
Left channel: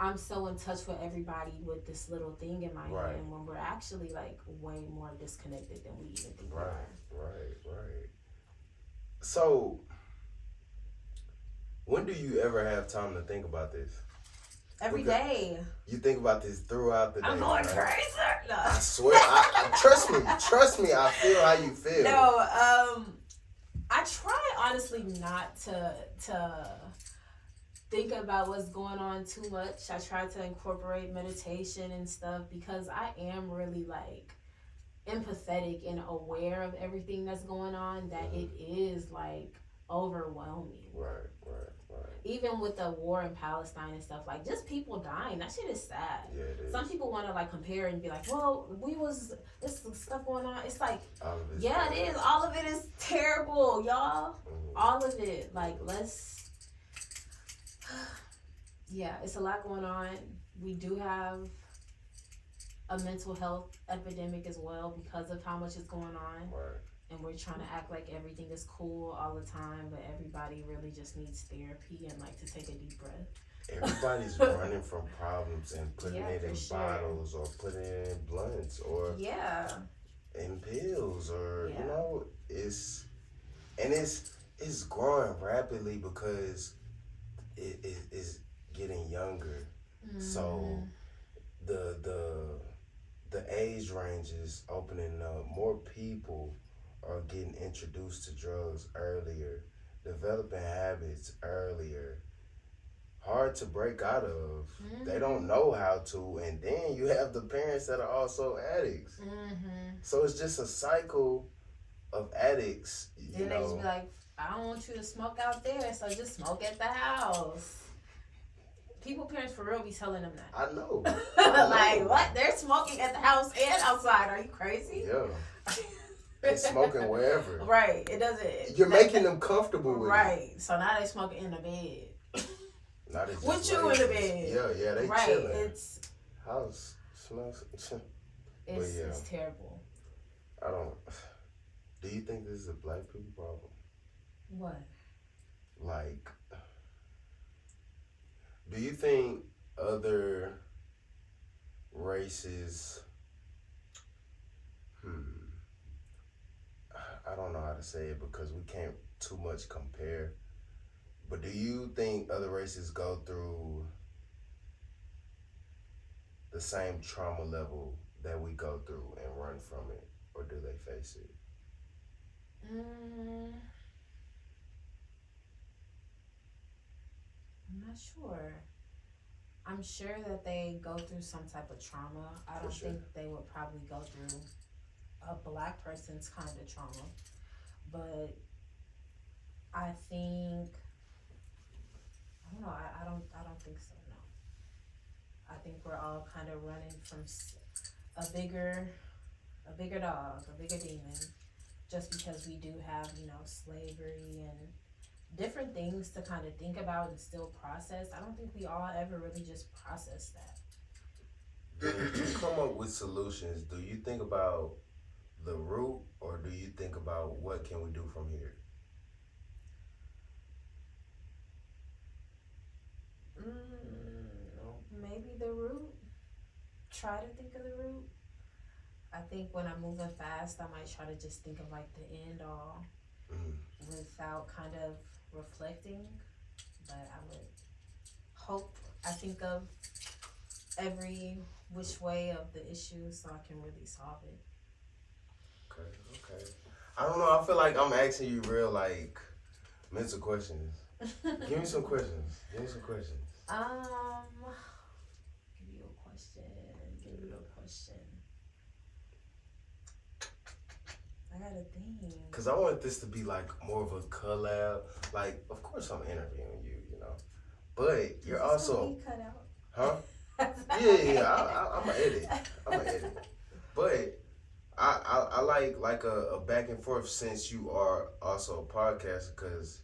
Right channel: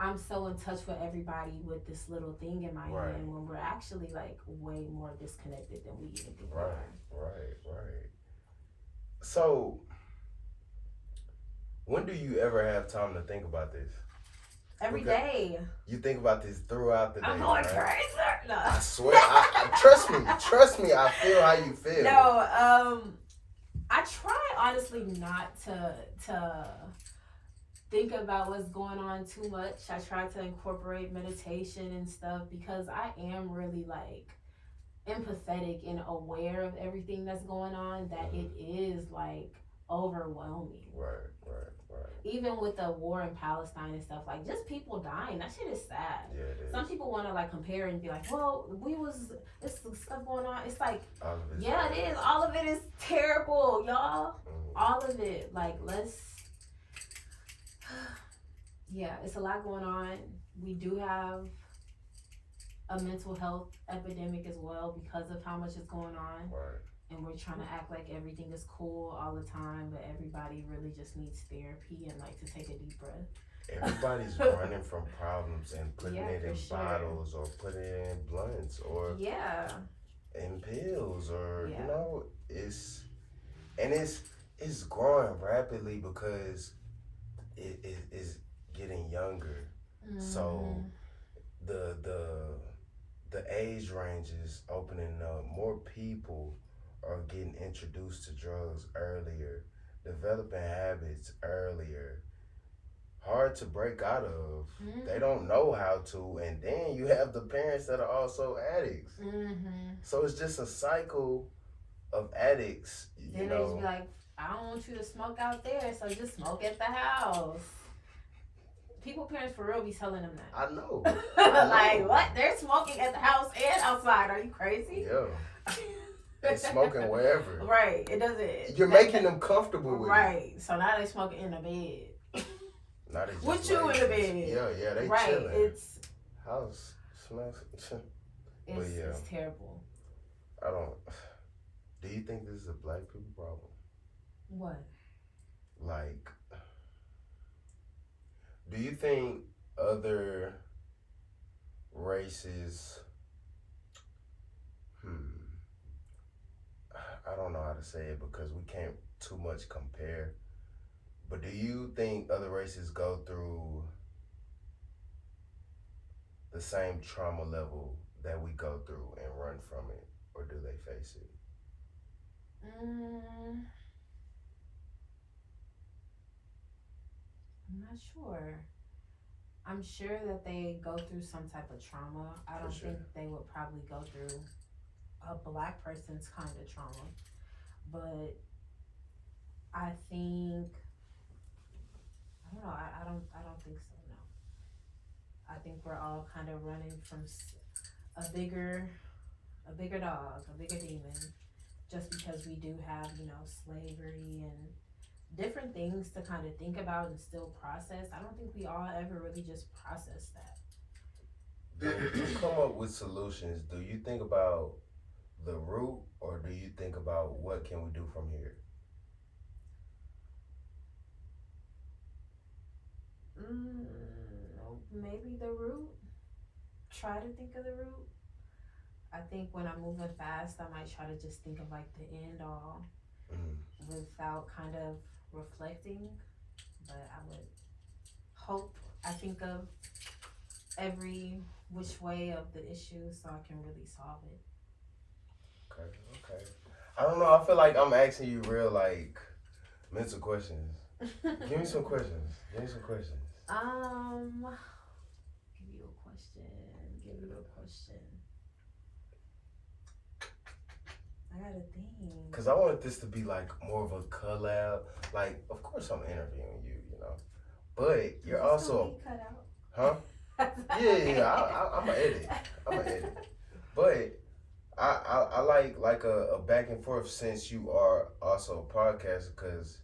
I'm so in touch with everybody with this little thing in my Right. hand when we're actually like way more disconnected than we even think we Right, are. right. So, when do you ever have time to think about this? Every Okay. day. You think about this throughout the day, I'm going right? crazy. No. I swear, I trust me, I feel how you feel. No, I try honestly not to think about what's going on too much. I try to incorporate meditation and stuff because I am really like empathetic and aware of everything that's going on, that it is like overwhelming. Right. Even with the war in Palestine and stuff, like just people dying, that shit is sad. Yeah, it is. Some people want to like compare and be like, well, this stuff going on. It's like, All of it's yeah, bad. it is. All of it is terrible, y'all. Mhm. All of it. Like, yeah, it's a lot going on. We do have a mental health epidemic as well because of how much is going on. Right. And we're trying to act like everything is cool all the time, but everybody really just needs therapy and like to take a deep breath. Everybody's running from problems and putting Yeah, it in for sure. bottles or putting it in blunts or Yeah. in pills or Yeah. you know, it's growing rapidly because it is getting younger. So the age range is opening up. More people are getting introduced to drugs earlier, developing habits earlier. Hard to break out of. They don't know how to, and then you have the parents that are also addicts. So it's just a cycle of addicts. Then they just be like, I don't want you to smoke out there, so just smoke at the house. People, parents for real be telling them that. I know. Like, what? They're smoking at the house and outside. Are you crazy? Yeah. They smoking wherever. Right. It doesn't. You're making them comfortable with it. Right. So now they smoking in the bed. Now they just With you in the lazy. bed. Yeah, they Right. chilling. It's House smells. yeah. it's terrible. I don't. Do you think this is a black people problem? What? Like, do you think other races? I don't know how to say it because we can't too much compare. But do you think other races go through the same trauma level that we go through and run from it, or do they face it? I'm not sure. I'm sure that they go through some type of trauma. I don't think they would probably go through a black person's kind of trauma, but I think I don't know. I don't think so. No, I think we're all kind of running from a bigger dog, a bigger demon, just because we do have slavery and different things to kind of think about and still process. I don't think we all ever really just process that. Do you come up with solutions? Do you think about the root, or do you think about what can we do from here? Maybe the root. Try to think of the root. I think when I'm moving fast, I might try to just think of like the end all without kind of reflecting. But I would hope I think of every which way of the issue so I can really solve it. Okay. I don't know. I feel like I'm asking you real like mental questions. Give me some questions. Give you a question. Give you a question. I gotta think. Cause I want this to be like more of a collab. Like, of course I'm interviewing you, you know, but you're also, cut out. huh? Yeah. I'm gonna edit. But I like a back and forth since you are also a podcaster. Cause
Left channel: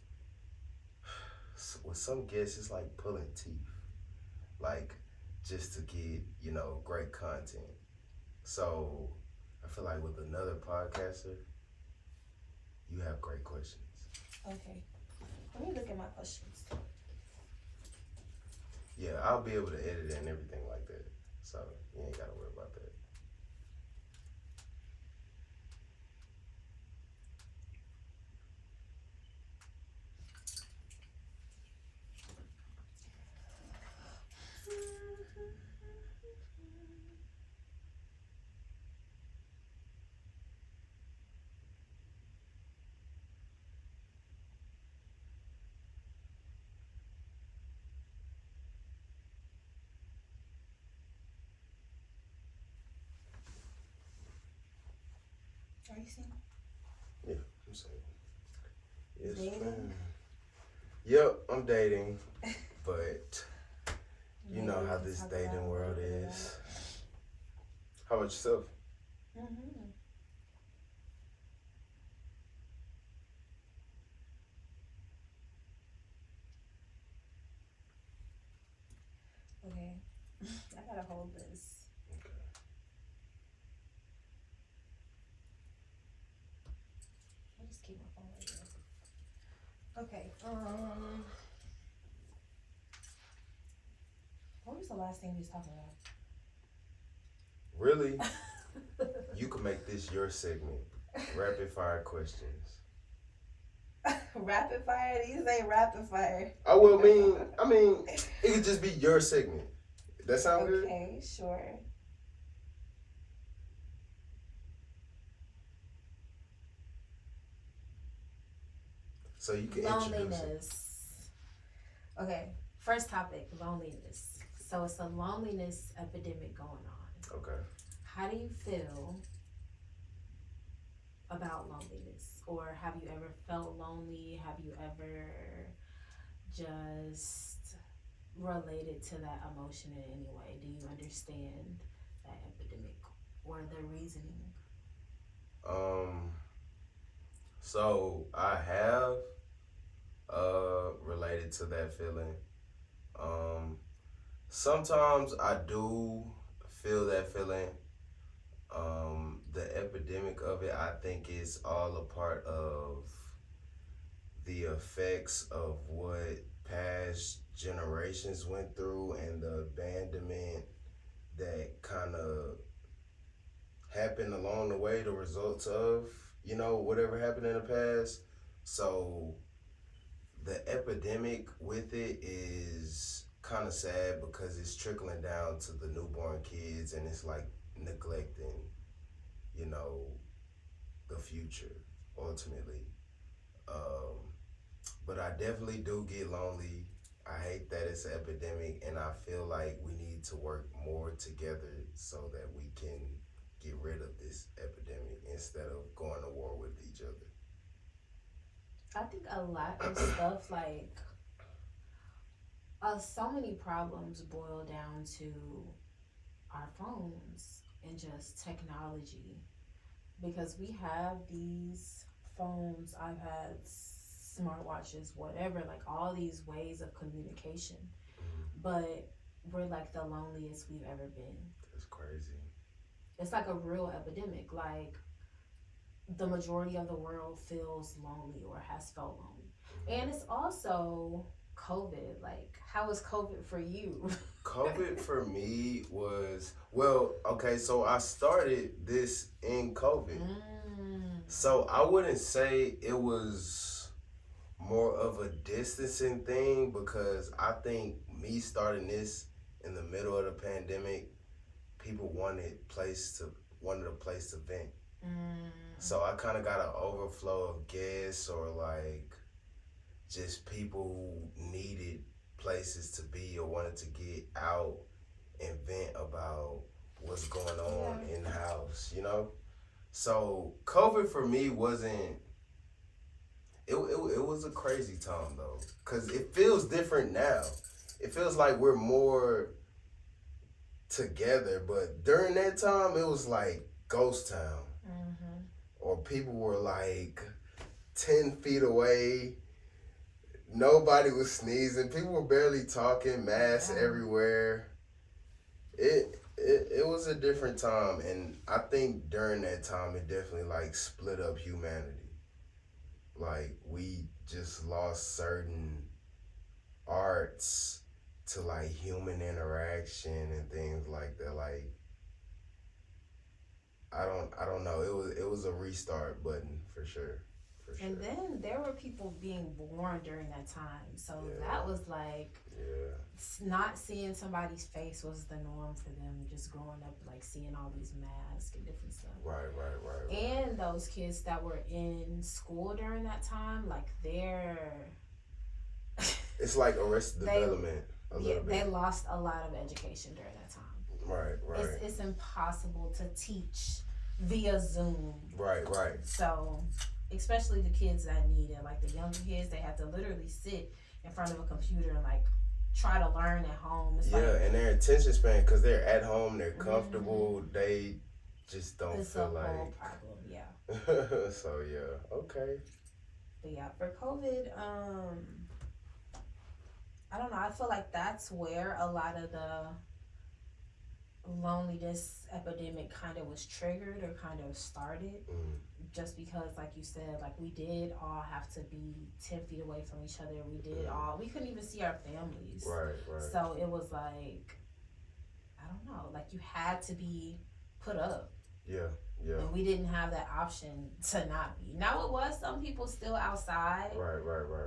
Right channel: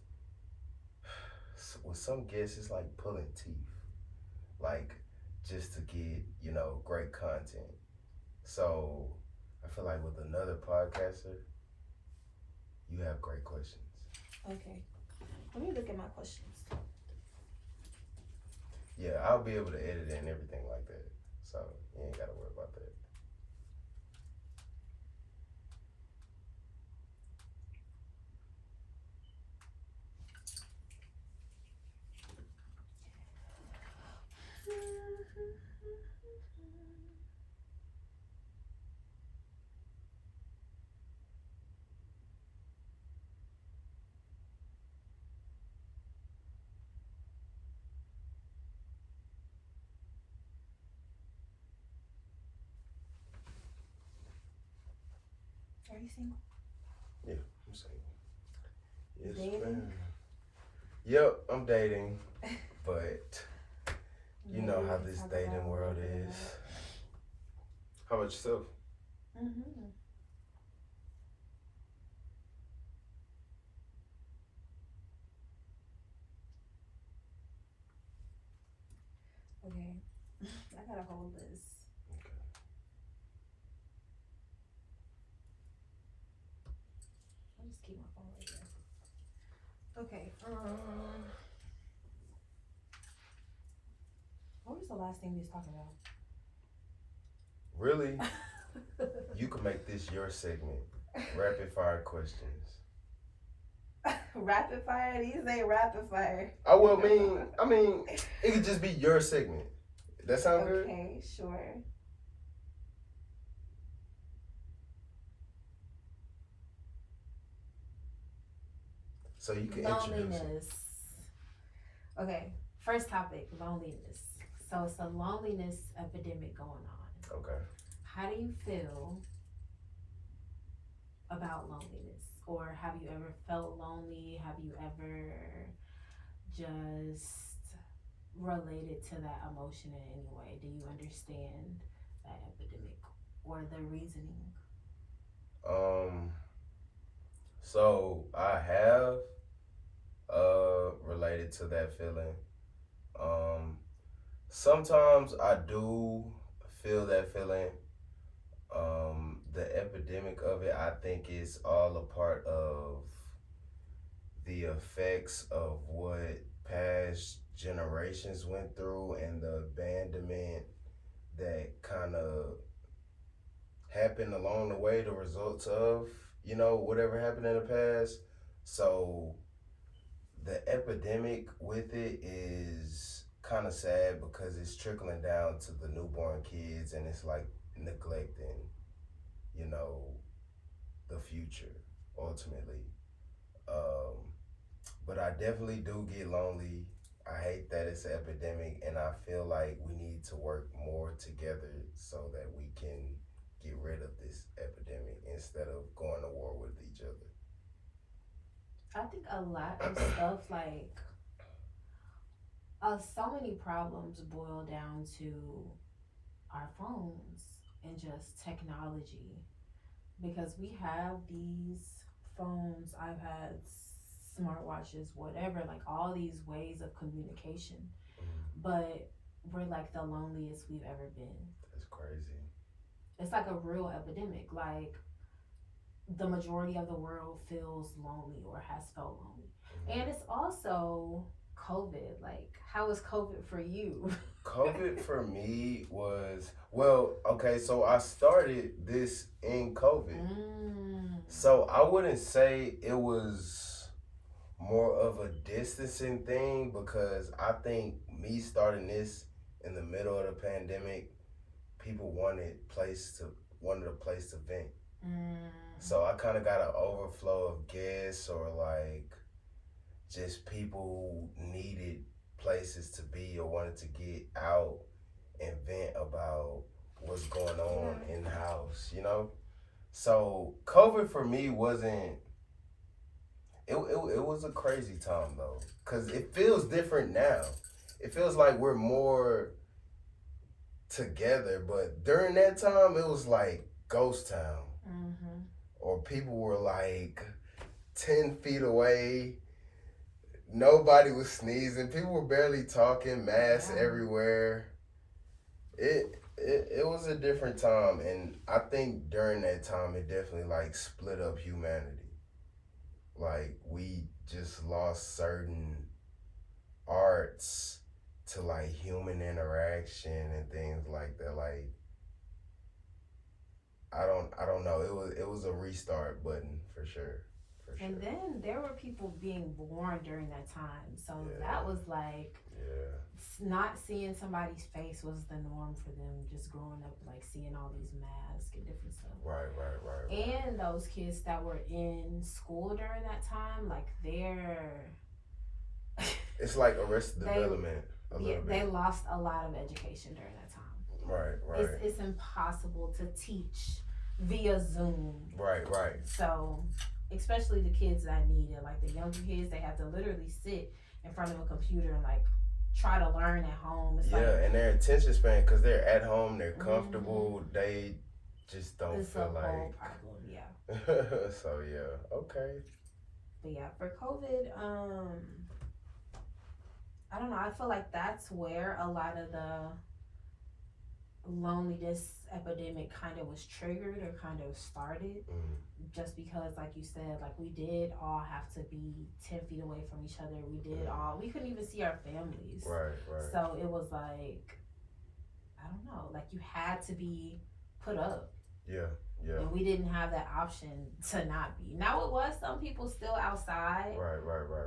with some guests it's like pulling teeth, like just to get great content. So I feel like with another podcaster, you have great questions. Okay. Let me look at my questions. Yeah, I'll be able to edit it and everything like that. So you ain't gotta worry about that. Are you single? Yeah, I'm saying. Yes, Dating? ma'am. Yep, I'm dating, but you know how this dating world is. How about yourself? Mm-hmm. Okay. I gotta hold this. Okay. I'll just keep my phone right there. Okay. What was the last thing we was talking about? Really? You can make this your segment. Rapid fire questions. Rapid fire? These ain't rapid fire. I will mean, it could just be your segment. That sound good? Okay, sure. So you can introduce it. Loneliness. Okay, first topic, loneliness. So it's a loneliness epidemic going on. Okay. How do you feel about loneliness? Or have you ever felt lonely? Have you ever just related to that emotion in any way? Do you understand that epidemic or the reasoning? So I have related to that feeling. Sometimes I do feel that feeling. The epidemic of it, I think, is all a part of the effects of what past generations went through and the abandonment that kind of happened along the way, the results of, whatever happened in the past. So the epidemic with it is kind of sad because it's trickling down to the newborn kids and it's like neglecting, the future ultimately. But I definitely do get lonely. I hate that it's an epidemic, and I feel like we need to work more together so that we can get rid of this epidemic instead of going to war with each other. I think a lot of stuff like so many problems boil down to our phones and just technology, because we have these phones, iPads, smartwatches, whatever, like all these ways of communication, but we're like the loneliest we've ever been. That's crazy. It's like a real epidemic. Like the majority of the world feels lonely or has felt lonely. And it's also COVID. Like, how was COVID for you? COVID for me was, well, okay, so I started this in COVID. So I wouldn't say it was more of a distancing thing, because I think me starting this in the middle of the pandemic, people wanted a place to vent. So I kind of got an overflow of guests or like just people who needed places to be or wanted to get out and vent about what's going on in the house, you know? So COVID for me wasn't, it was a crazy time though, because it feels different now. It feels like we're more together, but during that time, it was like ghost town. Or people were like 10 feet away. Nobody was sneezing. People were barely talking. Masks everywhere. It was a different time, and I think during that time it definitely like split up humanity. Like we just lost certain arts to like human interaction and things like that. Like I don't know. It was a restart button for sure. And then there were people being born during that time, so that was like not seeing somebody's face was the norm for them. Just growing up, like seeing all these masks and different stuff. Right. And those kids that were in school during that time, like it's like Arrested Development a little bit. They lost a lot of education during that time. Right. It's impossible to teach via Zoom. Right. So, especially the kids that need it, like the younger kids, they have to literally sit in front of a computer and like try to learn at home. It's and their attention span, because they're at home, they're comfortable, they just don't feel like. It's a whole problem, So okay. But for COVID, I don't know. I feel like that's where a lot of the loneliness epidemic kind of was triggered or kind of started. Just because, like you said, like we did all have to be 10 feet away from each other. We couldn't even see our families. Right. So it was like, I don't know, like you had to be put up. Yeah. And we didn't have that option to not be. Now it was some people still outside. Right.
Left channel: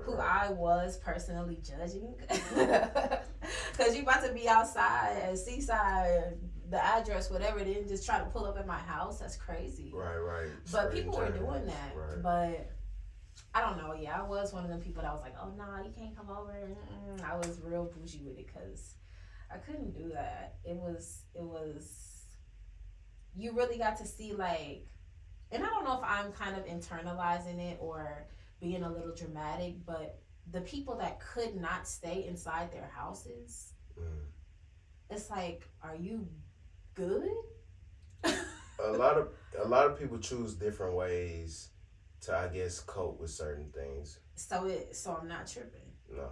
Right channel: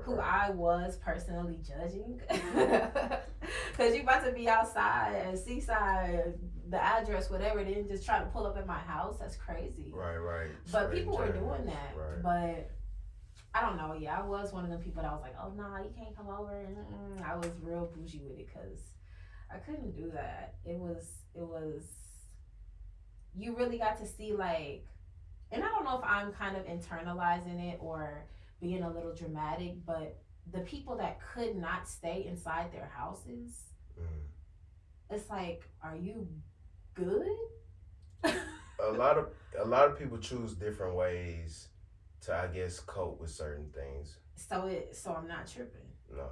Who I was personally judging. Because you about to be outside at Seaside, the address, whatever it is, just trying to pull up at my house. That's crazy. Right. But people were doing that. Right. But I don't know. I was one of them people that was like, oh, nah, you can't come over. I was real bougie with it because I couldn't do that. It was, you really got to see like, and I don't know if I'm kind of internalizing it or being a little dramatic, but the people that could not stay inside their houses, it's like, are you good? A lot of people choose different ways to, I guess, cope with certain things. So I'm not tripping. No.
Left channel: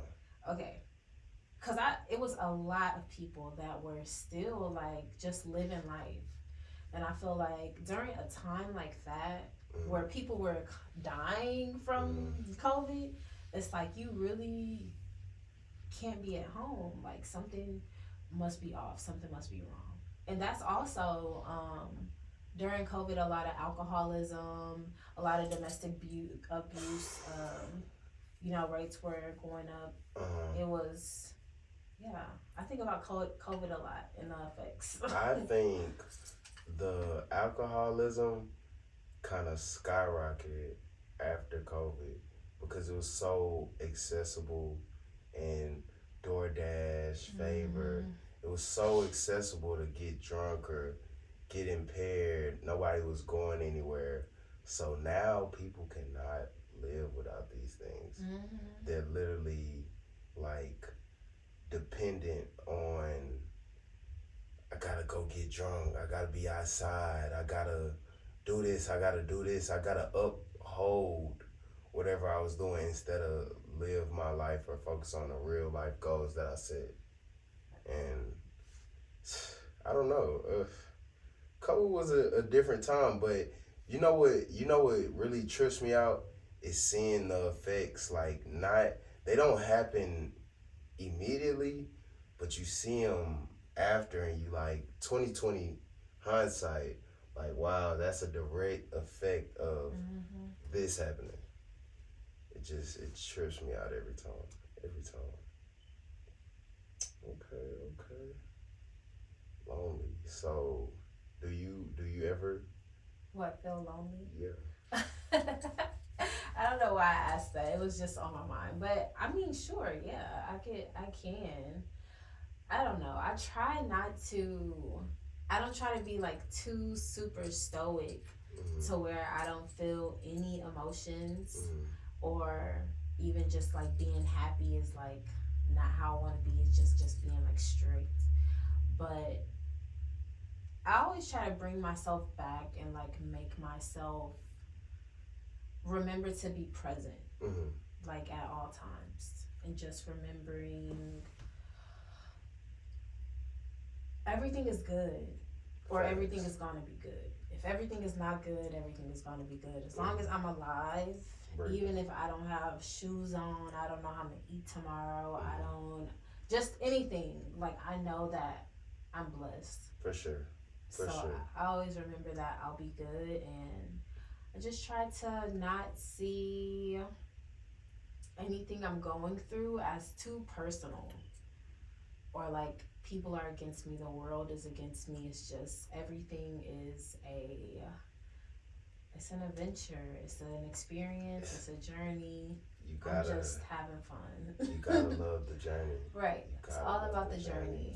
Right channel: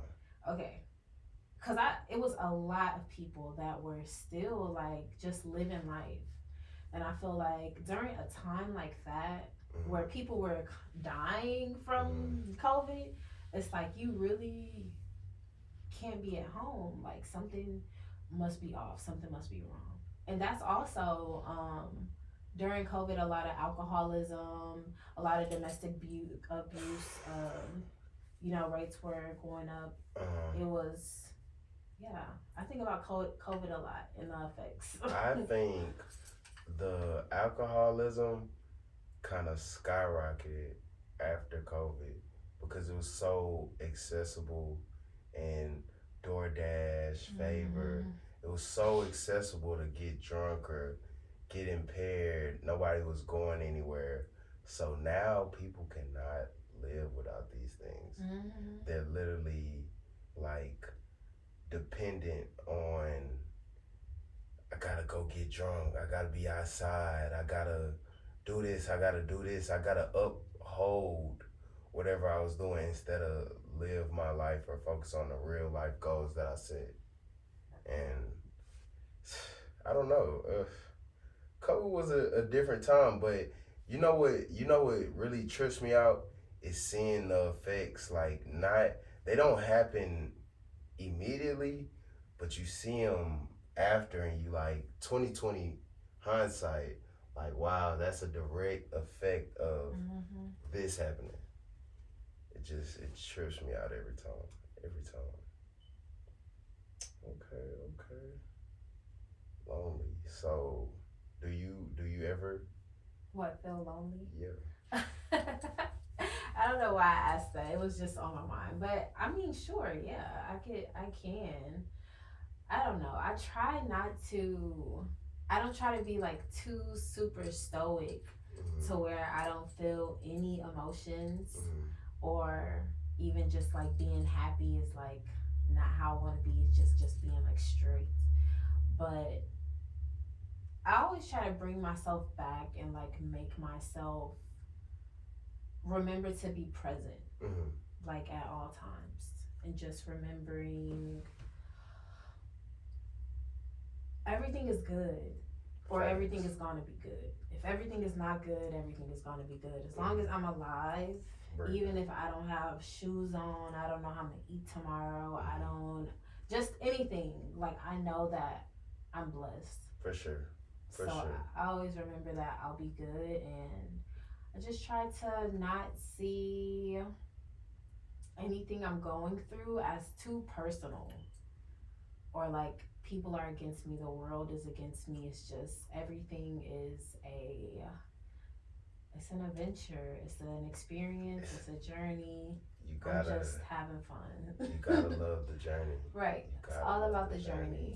Okay. Cause it was a lot of people that were still like just living life. And I feel like during a time like that, where people were dying from COVID, it's like you really can't be at home. Like something must be off, something must be wrong. And that's also during COVID, a lot of alcoholism, a lot of domestic abuse, rates were going up. It was, I think about COVID a lot and the effects. I think the alcoholism kind of skyrocketed after COVID because it was so accessible and DoorDash, Favor. It was so accessible to get drunk or get impaired. Nobody was going anywhere. So now people cannot live without these things. They're literally like dependent on, I gotta go get drunk, I gotta be outside, I gotta do this, I gotta uphold whatever I was doing instead of live my life or focus on the real life goals that I set. And I don't know, COVID was a different time, but you know what really trips me out is seeing the effects. Like, they don't happen immediately, but you see them after, and you like 2020 hindsight, like, wow, that's a direct effect of this happening. It trips me out every time. Okay. Lonely. So, do you ever? What, feel lonely? Yeah. I don't know why I asked that. It was just on my mind. But I mean, sure, yeah, I can. I don't know. I don't try to be like too super stoic Mm-hmm. to where I don't feel any emotions, Mm-hmm. or even just like being happy is like not how I want to be. It's just being like strict. But I always try to bring myself back and like make myself remember to be present, Mm-hmm. like at all times, and just remembering everything is good, or everything is going to be good. If everything is not good, everything is going to be good. As long as I'm alive, Right. even if I don't have shoes on, I don't know how I'm going to eat tomorrow, I don't, just anything, like I know that I'm blessed. For sure. For So sure. I always remember that I'll be good, and I just try to not see anything I'm going through as too personal, or like people are against me, the world is against me. It's just everything is it's an adventure, it's an experience, it's a journey. You I'm gotta just having fun. you gotta love the journey. Right. You It's gotta all love about the journey.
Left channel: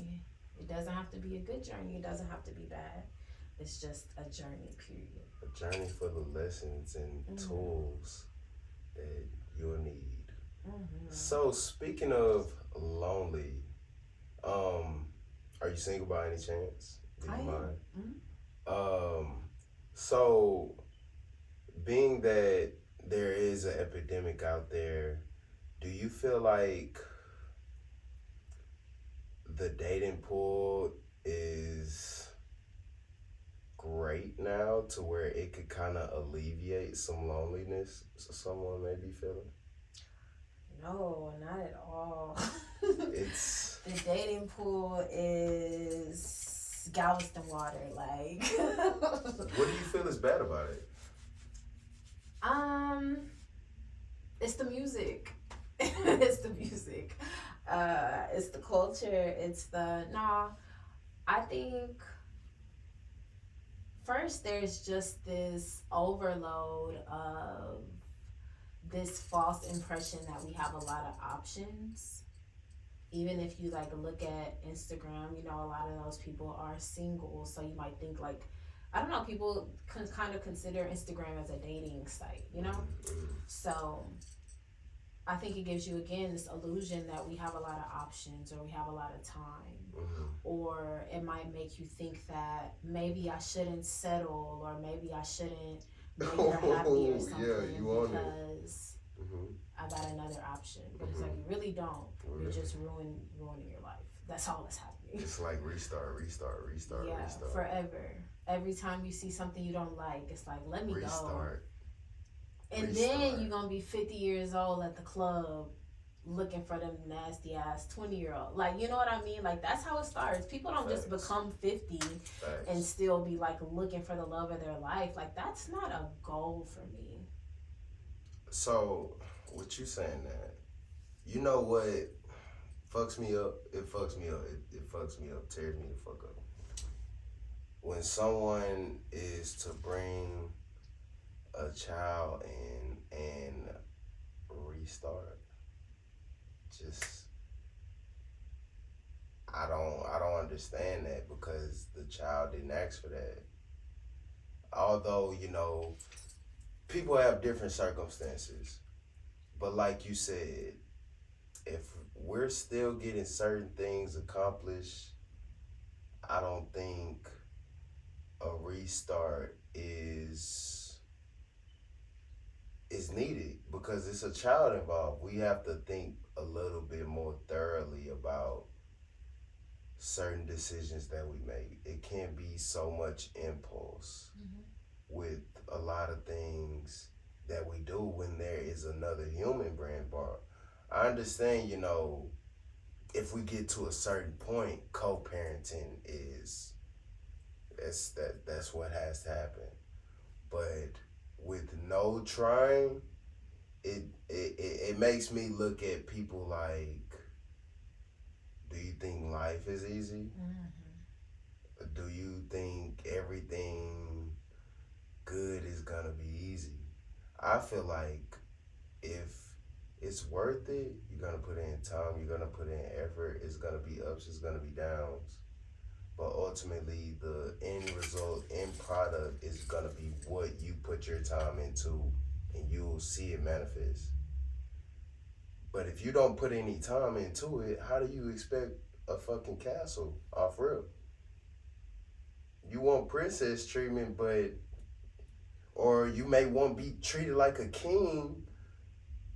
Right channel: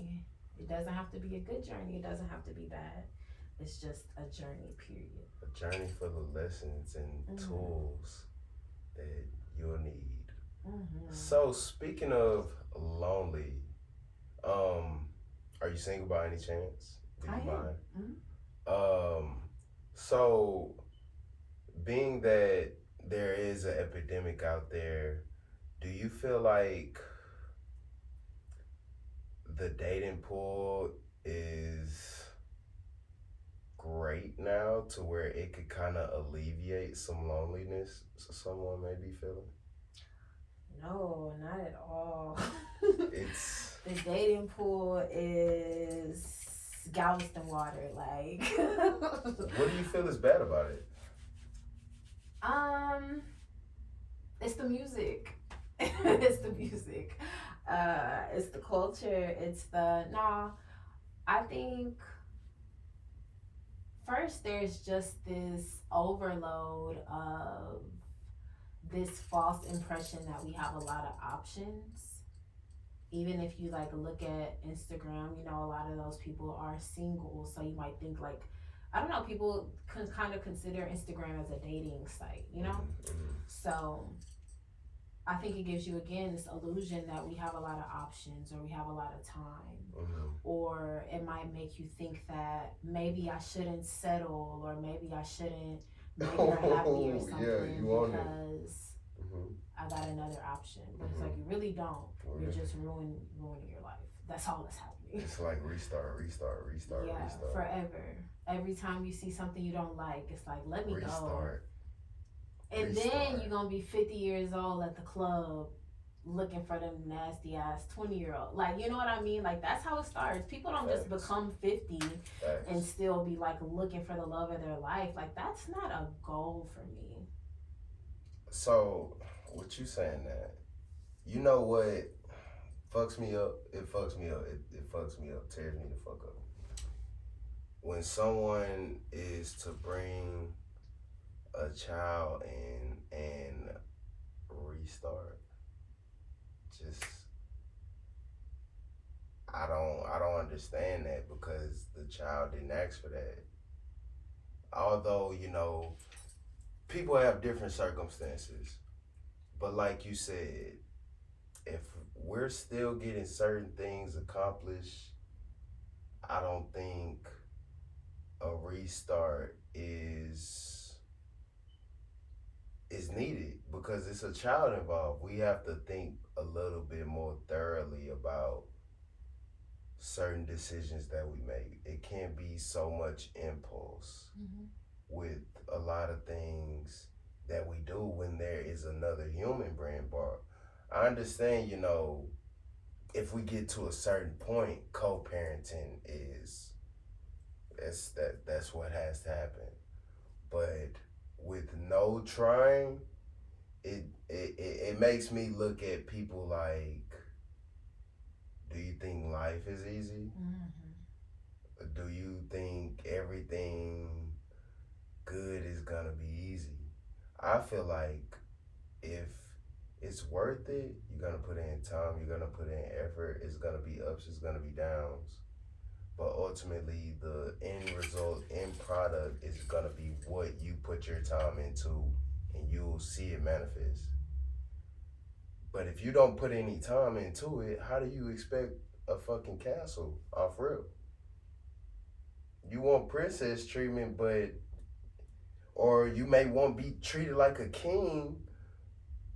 It doesn't have to be a good journey. It doesn't have to be bad. It's just a journey, period. A journey full of lessons and tools that you'll need. Mm-hmm. So speaking of lonely, are you single by any chance? Do I you am. mind? Mm-hmm. So being that there is an epidemic out there, do you feel like the dating pool is great now to where it could kind of alleviate some loneliness someone may be feeling? No, not at all. It's The dating pool is Galveston water, like. what do you feel is bad about it? It's the music. It's the music. It's the culture. It's the nah. I think first there's just this overload of this false impression that we have a lot of options. Even if you like look at Instagram, you know, a lot of those people are single, so you might think like, I don't know, people can kind of consider Instagram as a dating site, you know? Mm-hmm. So I think it gives you again this illusion that we have a lot of options, or we have a lot of time, Mm-hmm. or it might make you think that maybe I shouldn't settle, or maybe I shouldn't make her happy or something, Yeah, you own it. because Mm-hmm. I got another option. But it's like you really don't. Really? You're just ruining your life. That's all that's happening. It's like restart. Yeah, forever. Every time you see something you don't like, it's like, let me go. Restart. And then you're gonna be 50 years old at the club looking for them nasty ass 20-year-old. Like, you know what I mean? Like, that's how it starts. People don't just Facts. become 50 Facts. and still be like looking for the love of their life. Like, that's not a goal for me. So, what you saying that? You know what fucks me up? It fucks me up. It fucks me up. Tears me the fuck up. When someone is to bring a child and restart, just I don't understand that, because the child didn't ask for that. Although, you know, people have different circumstances, but like you said, if we're still getting certain things accomplished, I don't think a restart is needed, because it's a child involved. We have to think a little bit more thoroughly about certain decisions that we make. It can't be so much impulse with a lot of things that we do when there is another human brain part. I understand, you know, if we get to a certain point, co-parenting is that's what has to happen. But with no trying, it makes me look at people like, do you think life is easy? do you think everything good is gonna be easy? I feel like if it's worth it, you're gonna put in time, you're gonna put in effort, it's gonna be ups, it's gonna be downs. But ultimately, the end result, end product is gonna be what you put your time into, and you'll see it manifest. But if you don't put any time into it, how do you expect a fucking castle off rip? You want princess treatment, but or you may want to be treated like a king,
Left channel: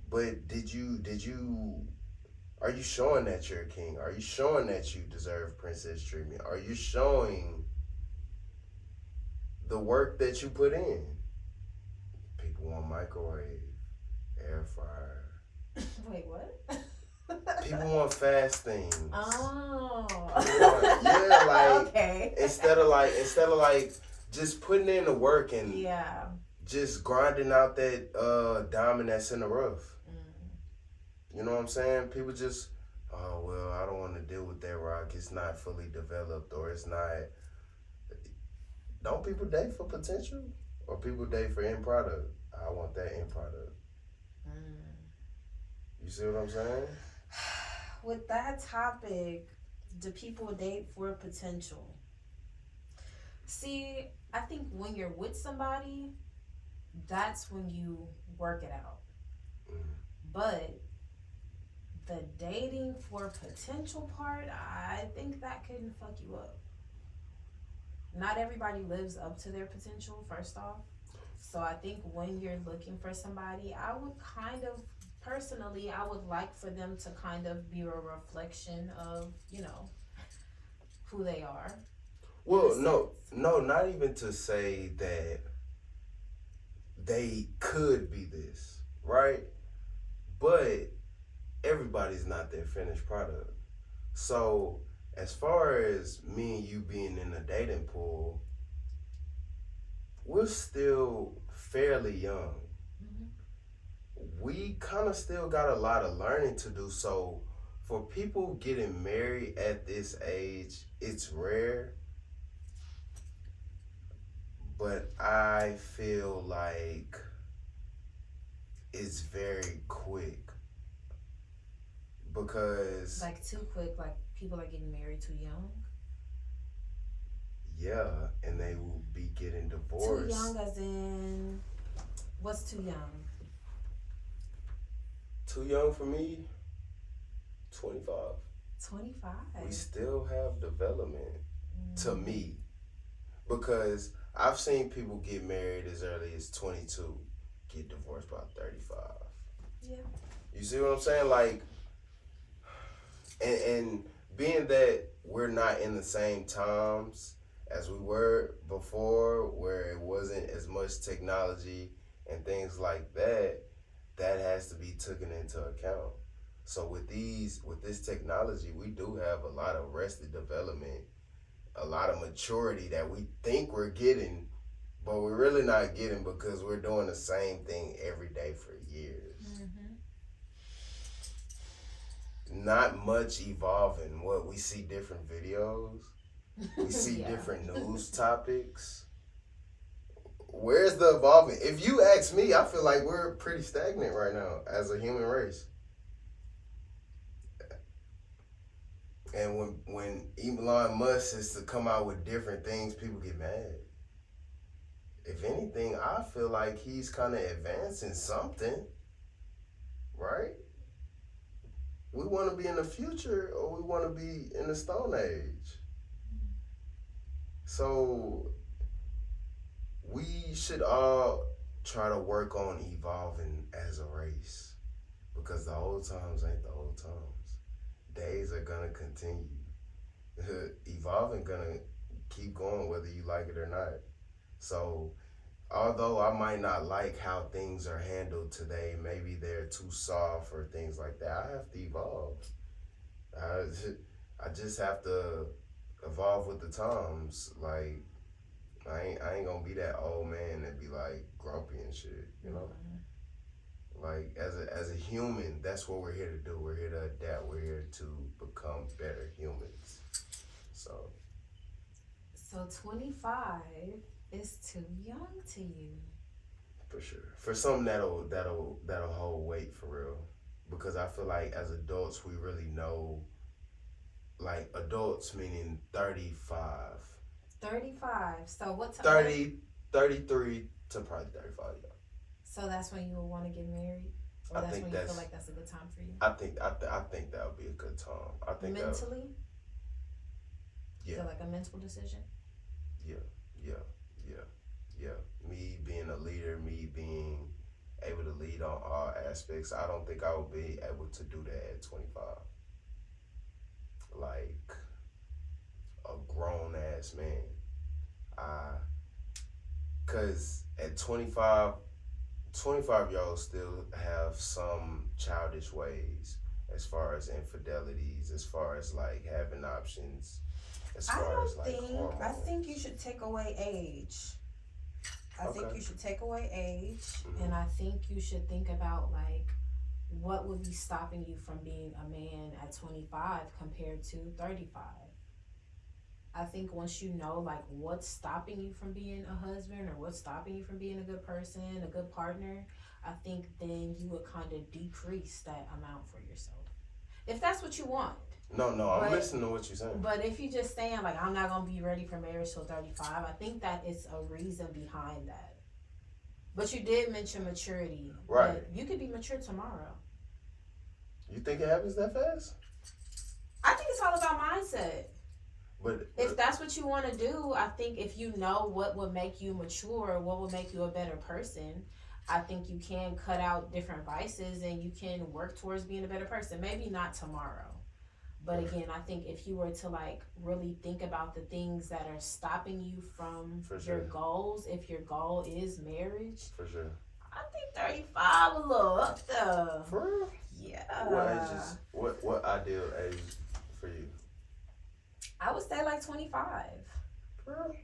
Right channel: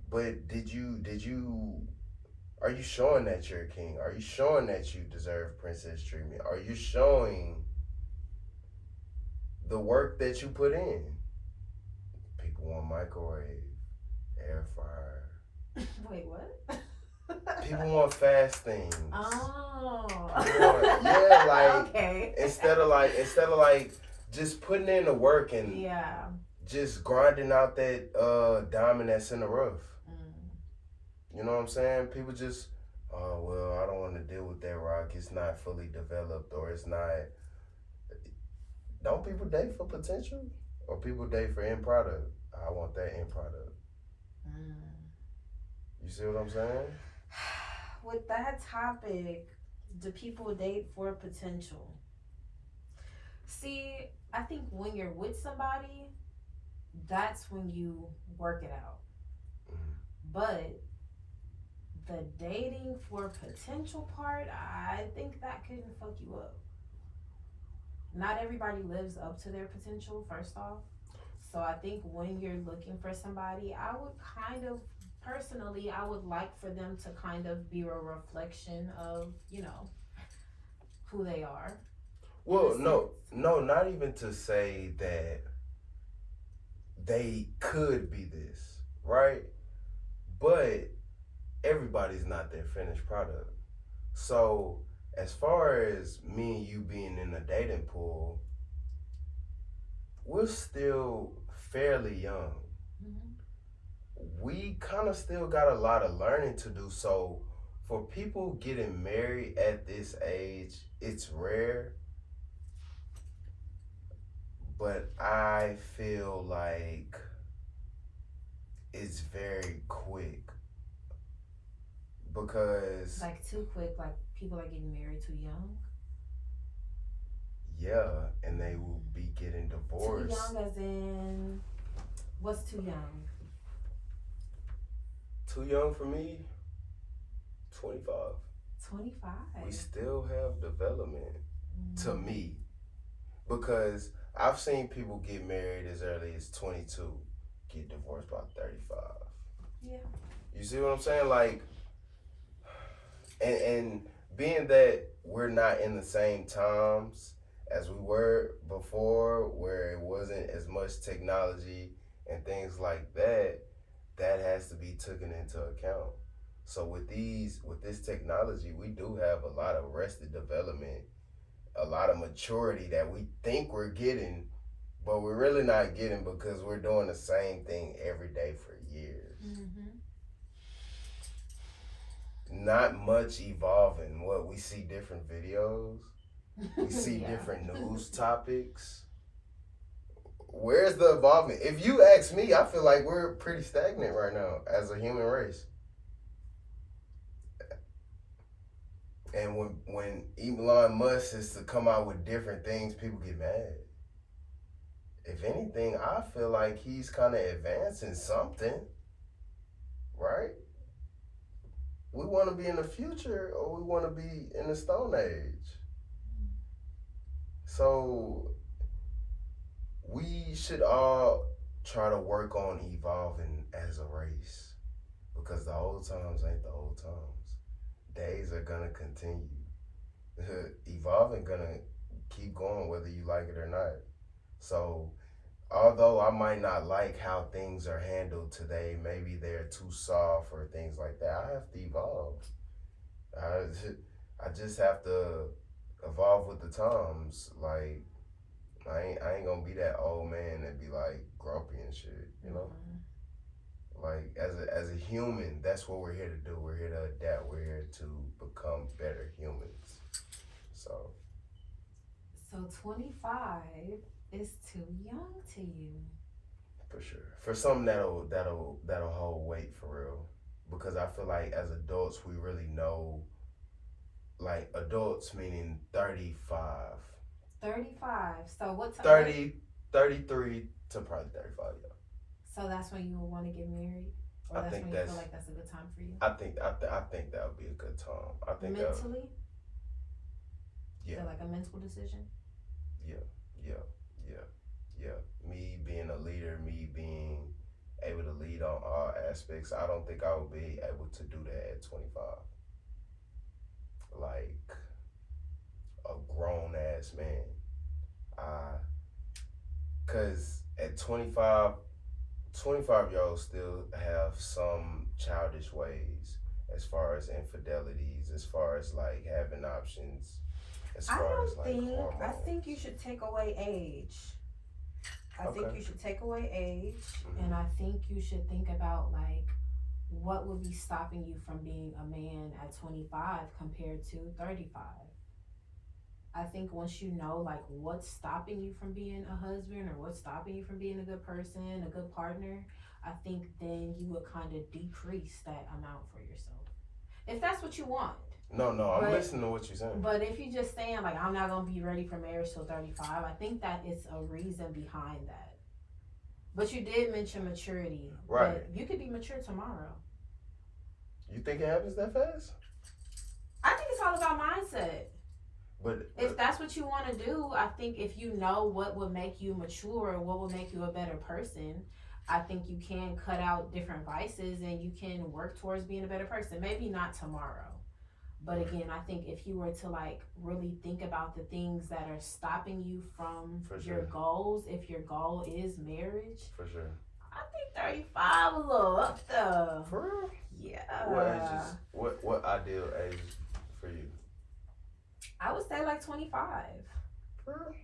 but are you showing that you're a king? Are you showing that you deserve princess treatment? Are you showing the work that you put in? People want microwave, air fryer. Wait, what? People want fast things. Oh. Yeah, like okay. instead of like just putting in the work and Yeah. just grinding out that diamond that's in the rough. You know what I'm saying? People just, oh, well, I don't want to deal with that rock. It's not fully developed, or it's not. Don't people date for potential? Or people date for end product? I want that end product. You see what I'm saying? With that topic, do people date for potential? See, I think when you're with somebody, that's when you work it out. But the dating for potential part, I think that can fuck you up. Not everybody lives up to their potential, first off. So I think when you're looking for somebody, I would kind of, personally, I would like for them to kind of be a reflection of, who they are. Well, no, not even to say that they could be this, right? But everybody's not their finished product. So as far as me and you being in a dating pool, we're still fairly young. We kind of still got a lot of learning to do. So for people getting married at this age, it's rare. But I feel like it's very quick. Because like too quick, like people are getting married too young. Yeah, and they will be getting divorced. Too young as in, what's too young? Too young for me, 25. 25? We still have development, to me. Because I've seen people get married as early as 22, get divorced by 35. Yeah. You see what I'm saying? Like, and being that we're not in the same times as we were before, where it wasn't as much technology and things like that, that has to be taken into account. So with this technology, we do have a lot of arrested development, a lot of maturity that we think we're getting, but we're really not getting because we're doing the same thing every day for years. Not much evolving. What we see different videos, we see different news topics. Where's the evolvement? If you ask me, I feel like we're pretty stagnant right now as a human race. And when Elon Musk is to come out with different things, people get mad. If anything, I feel like he's kind of advancing something, right? We want to be in the future or we want to be in the Stone Age. So we should all try to work on evolving as a race, because the old times ain't the old times. Days are gonna continue. Evolving gonna keep going whether you like it or not. So although I might not like how things are handled today, maybe they're too soft or things like that, I have to evolve. I just have to evolve with the times. Like, I ain't gonna be that old man that be like grumpy and shit, you know? Like, as a human, that's what we're here to do. We're here to adapt. We're here to become better humans. So So 25 is too young to you. For sure. For something that'll hold weight for real. Because I feel like as adults we really know, like adults meaning 35. 35. So what time? 30, 33 to probably 35, yeah. So that's when you will want to get married? Or I that's think when you that's- feel like that's a good time for you? I think that would be a good time. I think that Mentally? Yeah. So like a mental decision? yeah. Me being a leader, me being able to lead on all aspects, I don't think I would be able to do that at 25. Like a grown ass man. Cause at 25 year olds still have some childish ways as far as infidelities, as far as like having options, as far as like hormones. I think you should take away age. I think Okay. you should take away age, Mhm. and I think you should think about like what would be stopping you from being a man at 25 compared to 35. I think once you know like what's stopping you from being a husband or what's stopping you from being a good person, a good partner, I think then you would kind of decrease that amount for yourself. If that's what you want. No, I'm But- listening to what you're saying. But if you just saying like I'm not gonna be ready for marriage till 35, I think that is a reason behind that. But you did mention maturity. Right. But you could be mature tomorrow. You think it happens that fast? I think it's all about mindset. But If that's what you want to do, I think if you know what will make you mature, what will make you a better person, I think you can cut out different vices and you can work towards being a better person. Maybe not tomorrow. But again, I think if you were to like really think about the things that are stopping you from For your sure. goals, if your goal is marriage, for sure. I think 35 a little up there. For real? Yeah. What ages? What ideal age for you? I would say like 25. For real?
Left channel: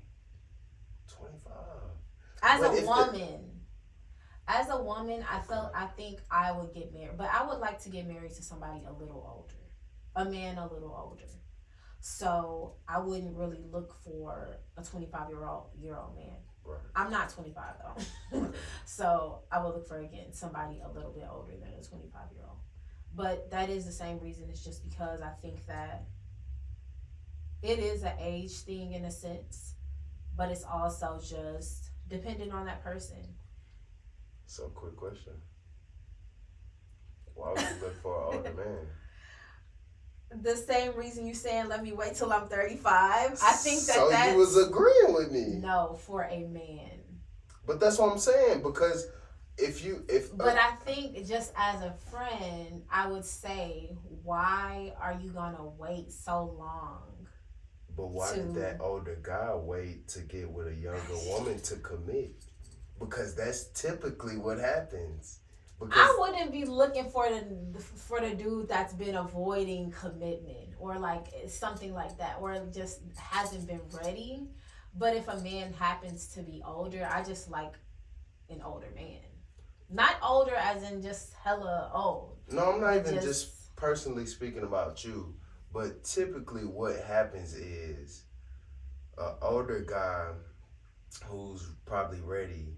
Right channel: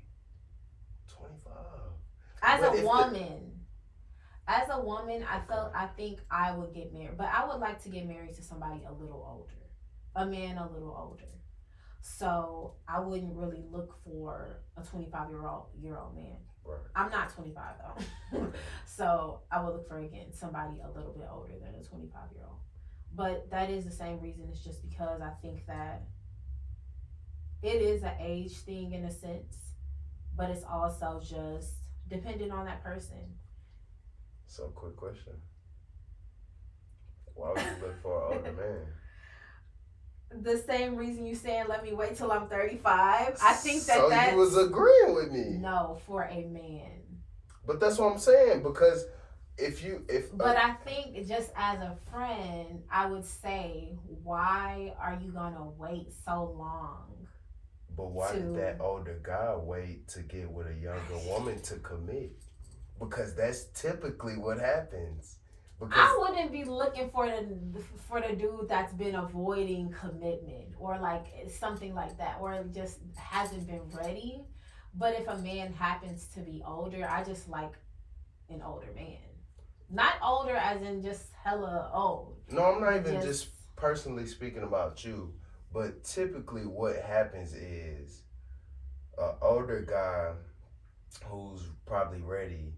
25. As But a if woman. As a woman, I think I would get married. But I would like to get married to somebody a little older. A man a little older. So I wouldn't really look for a 25-year-old man. Right. I'm not 25 though. So I would look for again somebody a little bit older than a 25-year-old. But that is the same reason. It's just because I think that it is an age thing in a sense, but it's also just dependent on that person. So, quick question. Why would you look for an older man? The same reason you saying let me wait till I'm 35. I think that So that's you was agreeing with me. no for a man. But that's what I'm saying, because But I think just as a friend, I would say, why are you gonna wait so long? But why did that older guy wait to get with a younger woman to commit? Because that's typically what happens. Because I wouldn't be looking for the dude that's been avoiding commitment or like something like that, or just hasn't been ready. But if a man happens to be older, I just like an older man. Not older as in just hella old. no, I'm not even just personally speaking about you, but typically what happens is an older guy who's probably ready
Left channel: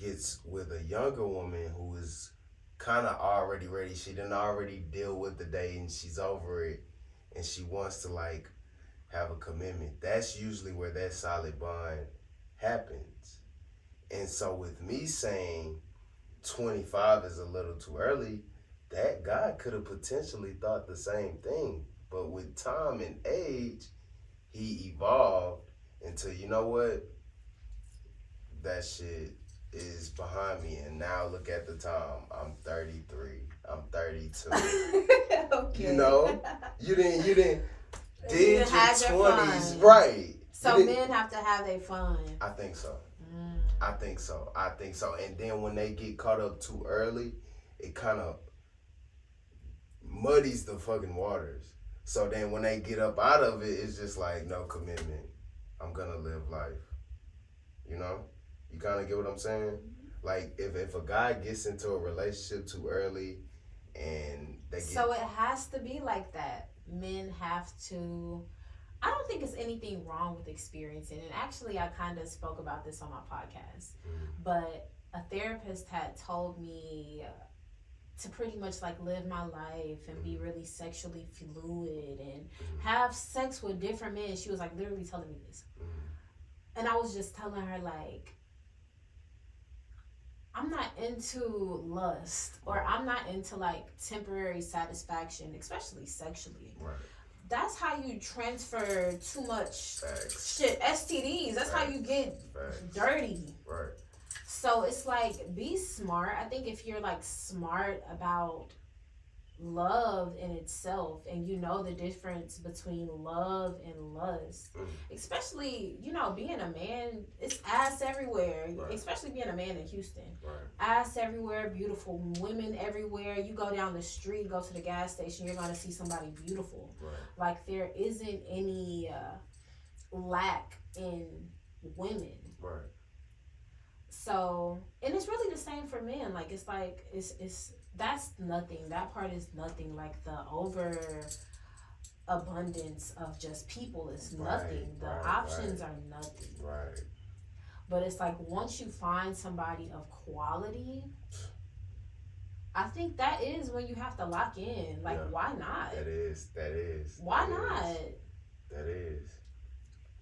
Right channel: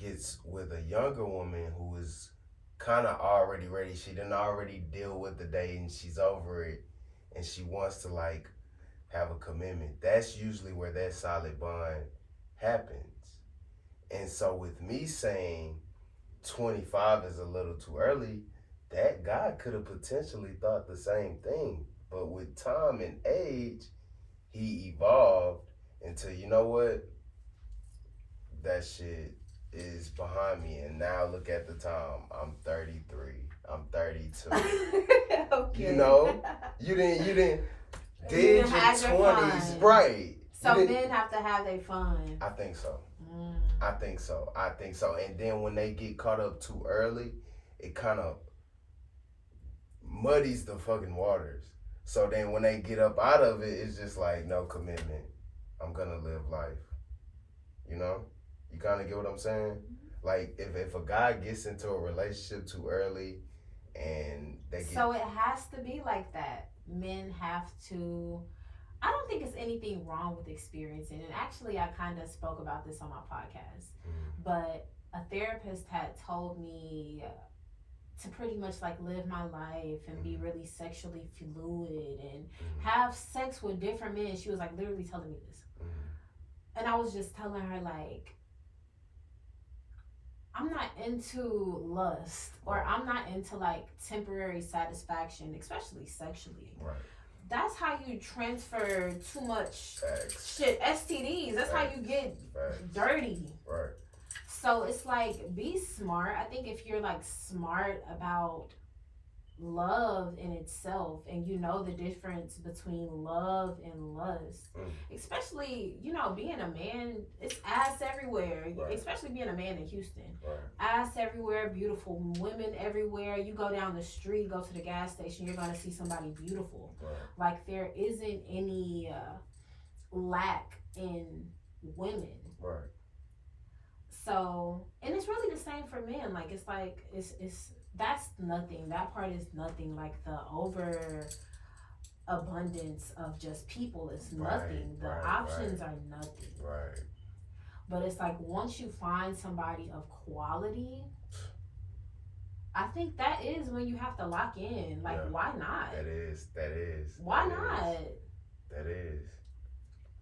gets with a younger woman who is kind of already ready. She didn't already deal with the dating. She's over it, and she wants to like have a commitment. That's usually where that solid bond happens. And so with me saying 25 is a little too early, that guy could have potentially thought the same thing. But with time and age, he evolved into, you know what? That shit is behind me. And now look at the time. I'm 33. I'm 32. Okay. You know? You didn't You did didn't your have your 20s. fun. Right. So You didn't- men have to have their fun. I think so. Mm. I think so. And then when they get caught up too early, it kind of muddies the fucking waters. So then when they get up out of it, it's just like no commitment. I'm gonna live life. You know? You kind of get what I'm saying? Like if a guy gets into a relationship too early and they get So it has to be like that. Men have to I don't think it's anything wrong with experiencing. And actually, I kind of spoke about this on my podcast. But a therapist had told me to pretty much like live my life and be really sexually fluid and have sex with different men. She was like literally telling me this. And I was just telling her, like, I'm not into lust, or I'm not into like temporary satisfaction, especially sexually. Right. That's how you transfer too much Facts. shit, STDs. That's how you get dirty. Right. So it's like, be smart. I think if you're like smart about love in itself, and you know the difference between love and lust, especially, you know, being a man, it's ass everywhere, especially being a man in Houston. Ass everywhere, beautiful women everywhere. You go down the street, go to the gas station, you're going to see somebody beautiful. Like, there isn't any lack in women. So, and it's really the same for men. Like, it's like, it's that's nothing. That part is nothing. Like, the over abundance of just people is nothing. The options are nothing. But it's like, once you find somebody of quality, I think that is when you have to lock in. Like, why not? That is. Why not? That is.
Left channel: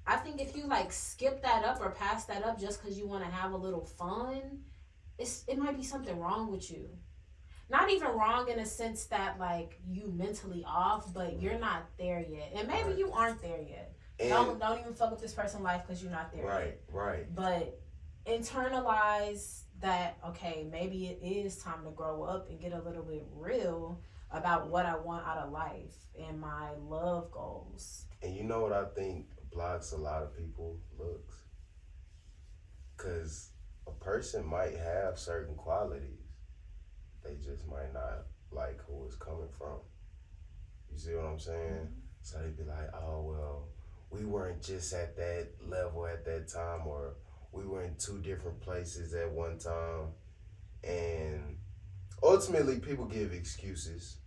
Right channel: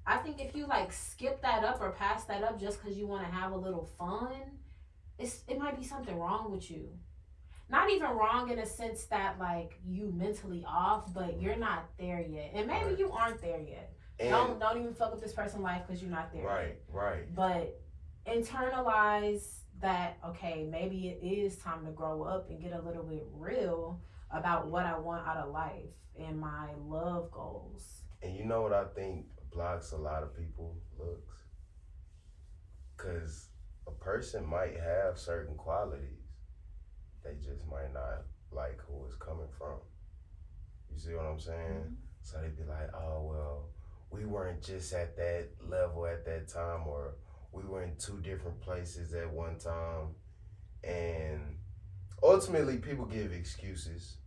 I think if you like skip that up or pass that up just because you want to have a little fun, it might be something wrong with you. Not even wrong in a sense that like you mentally off, but you're not there yet, and maybe you aren't there yet. And don't even fuck with this person's life because you're not there yet. Right. But internalize that, okay, maybe it is time to grow up and get a little bit real about what I want out of life and my love goals. And you know what I think blocks a lot of people looks? Because a person might have certain qualities, they just might not like who it's coming from. You see what I'm saying? So they be like, oh, well, we weren't just at that level at that time, or we were in two different places at one time. And ultimately, people give excuses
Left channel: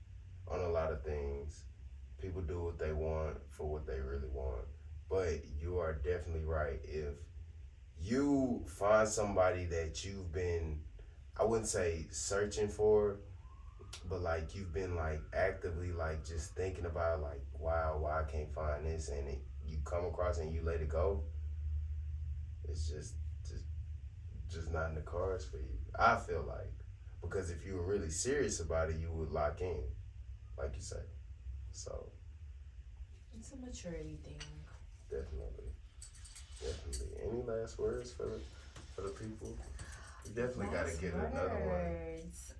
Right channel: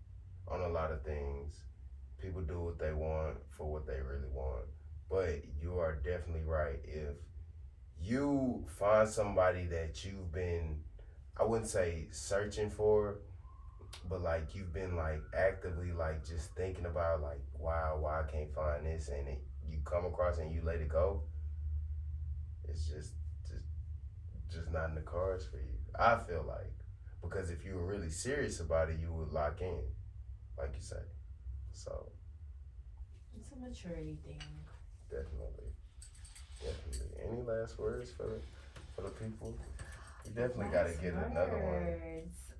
on a lot of things. People do what they want for what they really want. But you are definitely right. If you find somebody that you've been, I wouldn't say searching for, but like you've been like actively like just thinking about like, wow, why I can't find this, and you come across and you let it go, it's just not in the cards for you. I feel like, because if you were really serious about it, you would lock in, like you say. So it's a maturity thing. Definitely. Any last words for the people? You definitely got to get another one.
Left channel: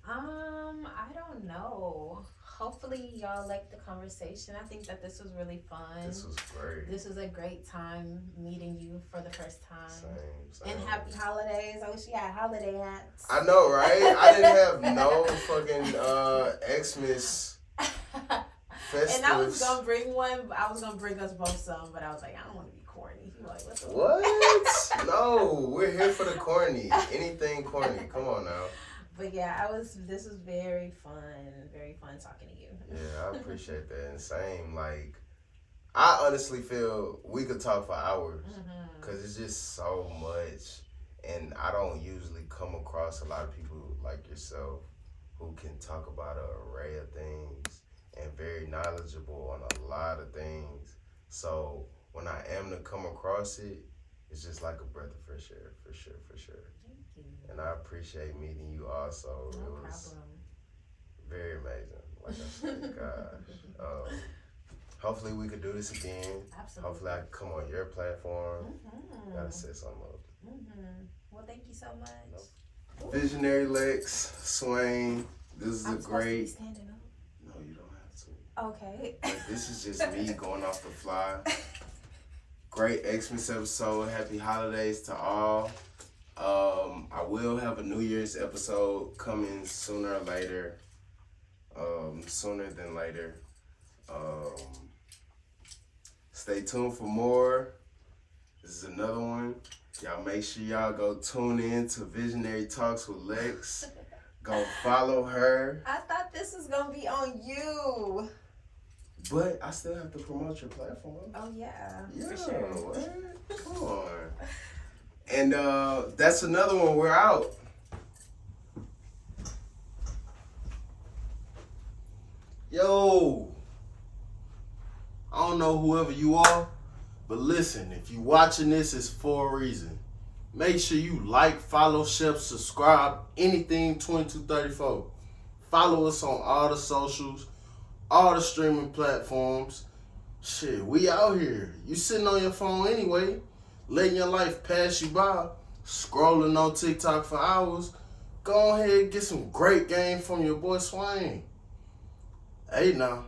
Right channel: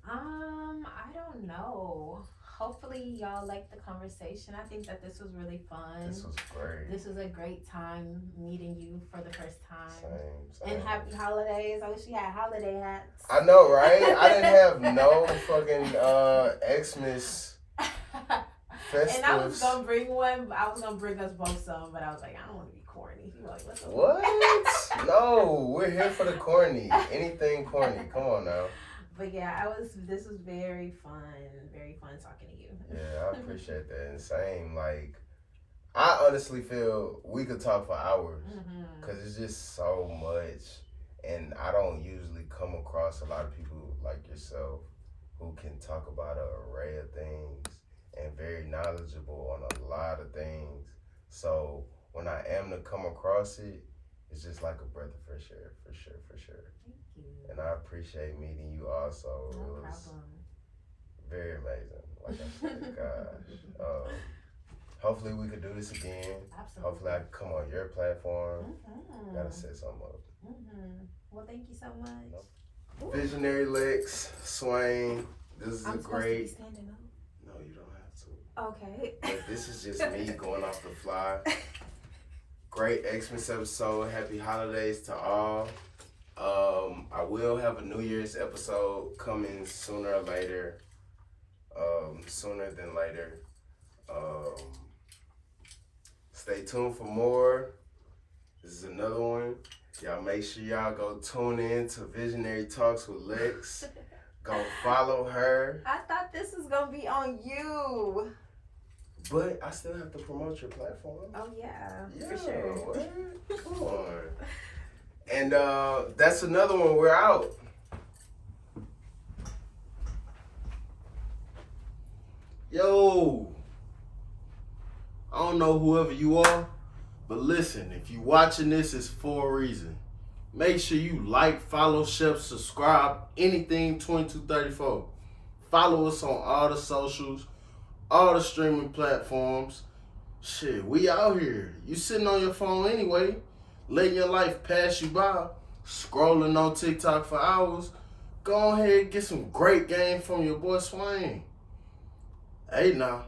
I don't know. Hopefully y'all liked the conversation. I think that this was really fun. This was great. This was a great time meeting you for the first time. Same. And happy holidays. I wish you had holiday hats. I know, right? I didn't have no fucking Xmas festivals. And I was gonna bring one. I was gonna bring us both some, but I was like, I don't want to be corny. He was like, what? No, we're here for the corny. Anything corny. Come on now. But yeah, this was very fun talking to you. Yeah, I appreciate that. And same, like, I honestly feel we could talk for hours because it's just so much. And I don't usually come across a lot of people like yourself who can talk about an array of things and very knowledgeable on a lot of things. So when I am to come across it, it's just like a breath of fresh air, for sure. Thank you. And I appreciate meeting you also. No It was problem. very amazing. Like I said, gosh. Hopefully we could do this again. Absolutely. Hopefully I can come on your platform. Gotta set something up. Well, thank you so much. Nope. Visionary Lex, Swain. This is I'm a supposed great. to be standing up. No, you don't have to. Okay. But this is just me going off the fly. Great Xmas episode. Happy holidays to all. I will have a New Year's episode coming sooner or later. Sooner than later. Stay tuned for more. This is another one. Y'all make sure y'all go tune in to Visionary Talks with Lex. Go follow her. I thought this was gonna be on you. But I still have to promote your platform. Oh yeah, Yeah, for sure. what? Come on. And that's another one. We're out. Yo, I don't know whoever you are, but listen, if you watching this, it's for a reason. Make sure you like, follow, share, subscribe, anything 2234. Follow us on all the socials, all the streaming platforms. Shit, we out here. You sitting on your phone anyway, letting your life pass you by, scrolling on TikTok for hours. Go ahead and get some great game from your boy Swain. Hey now.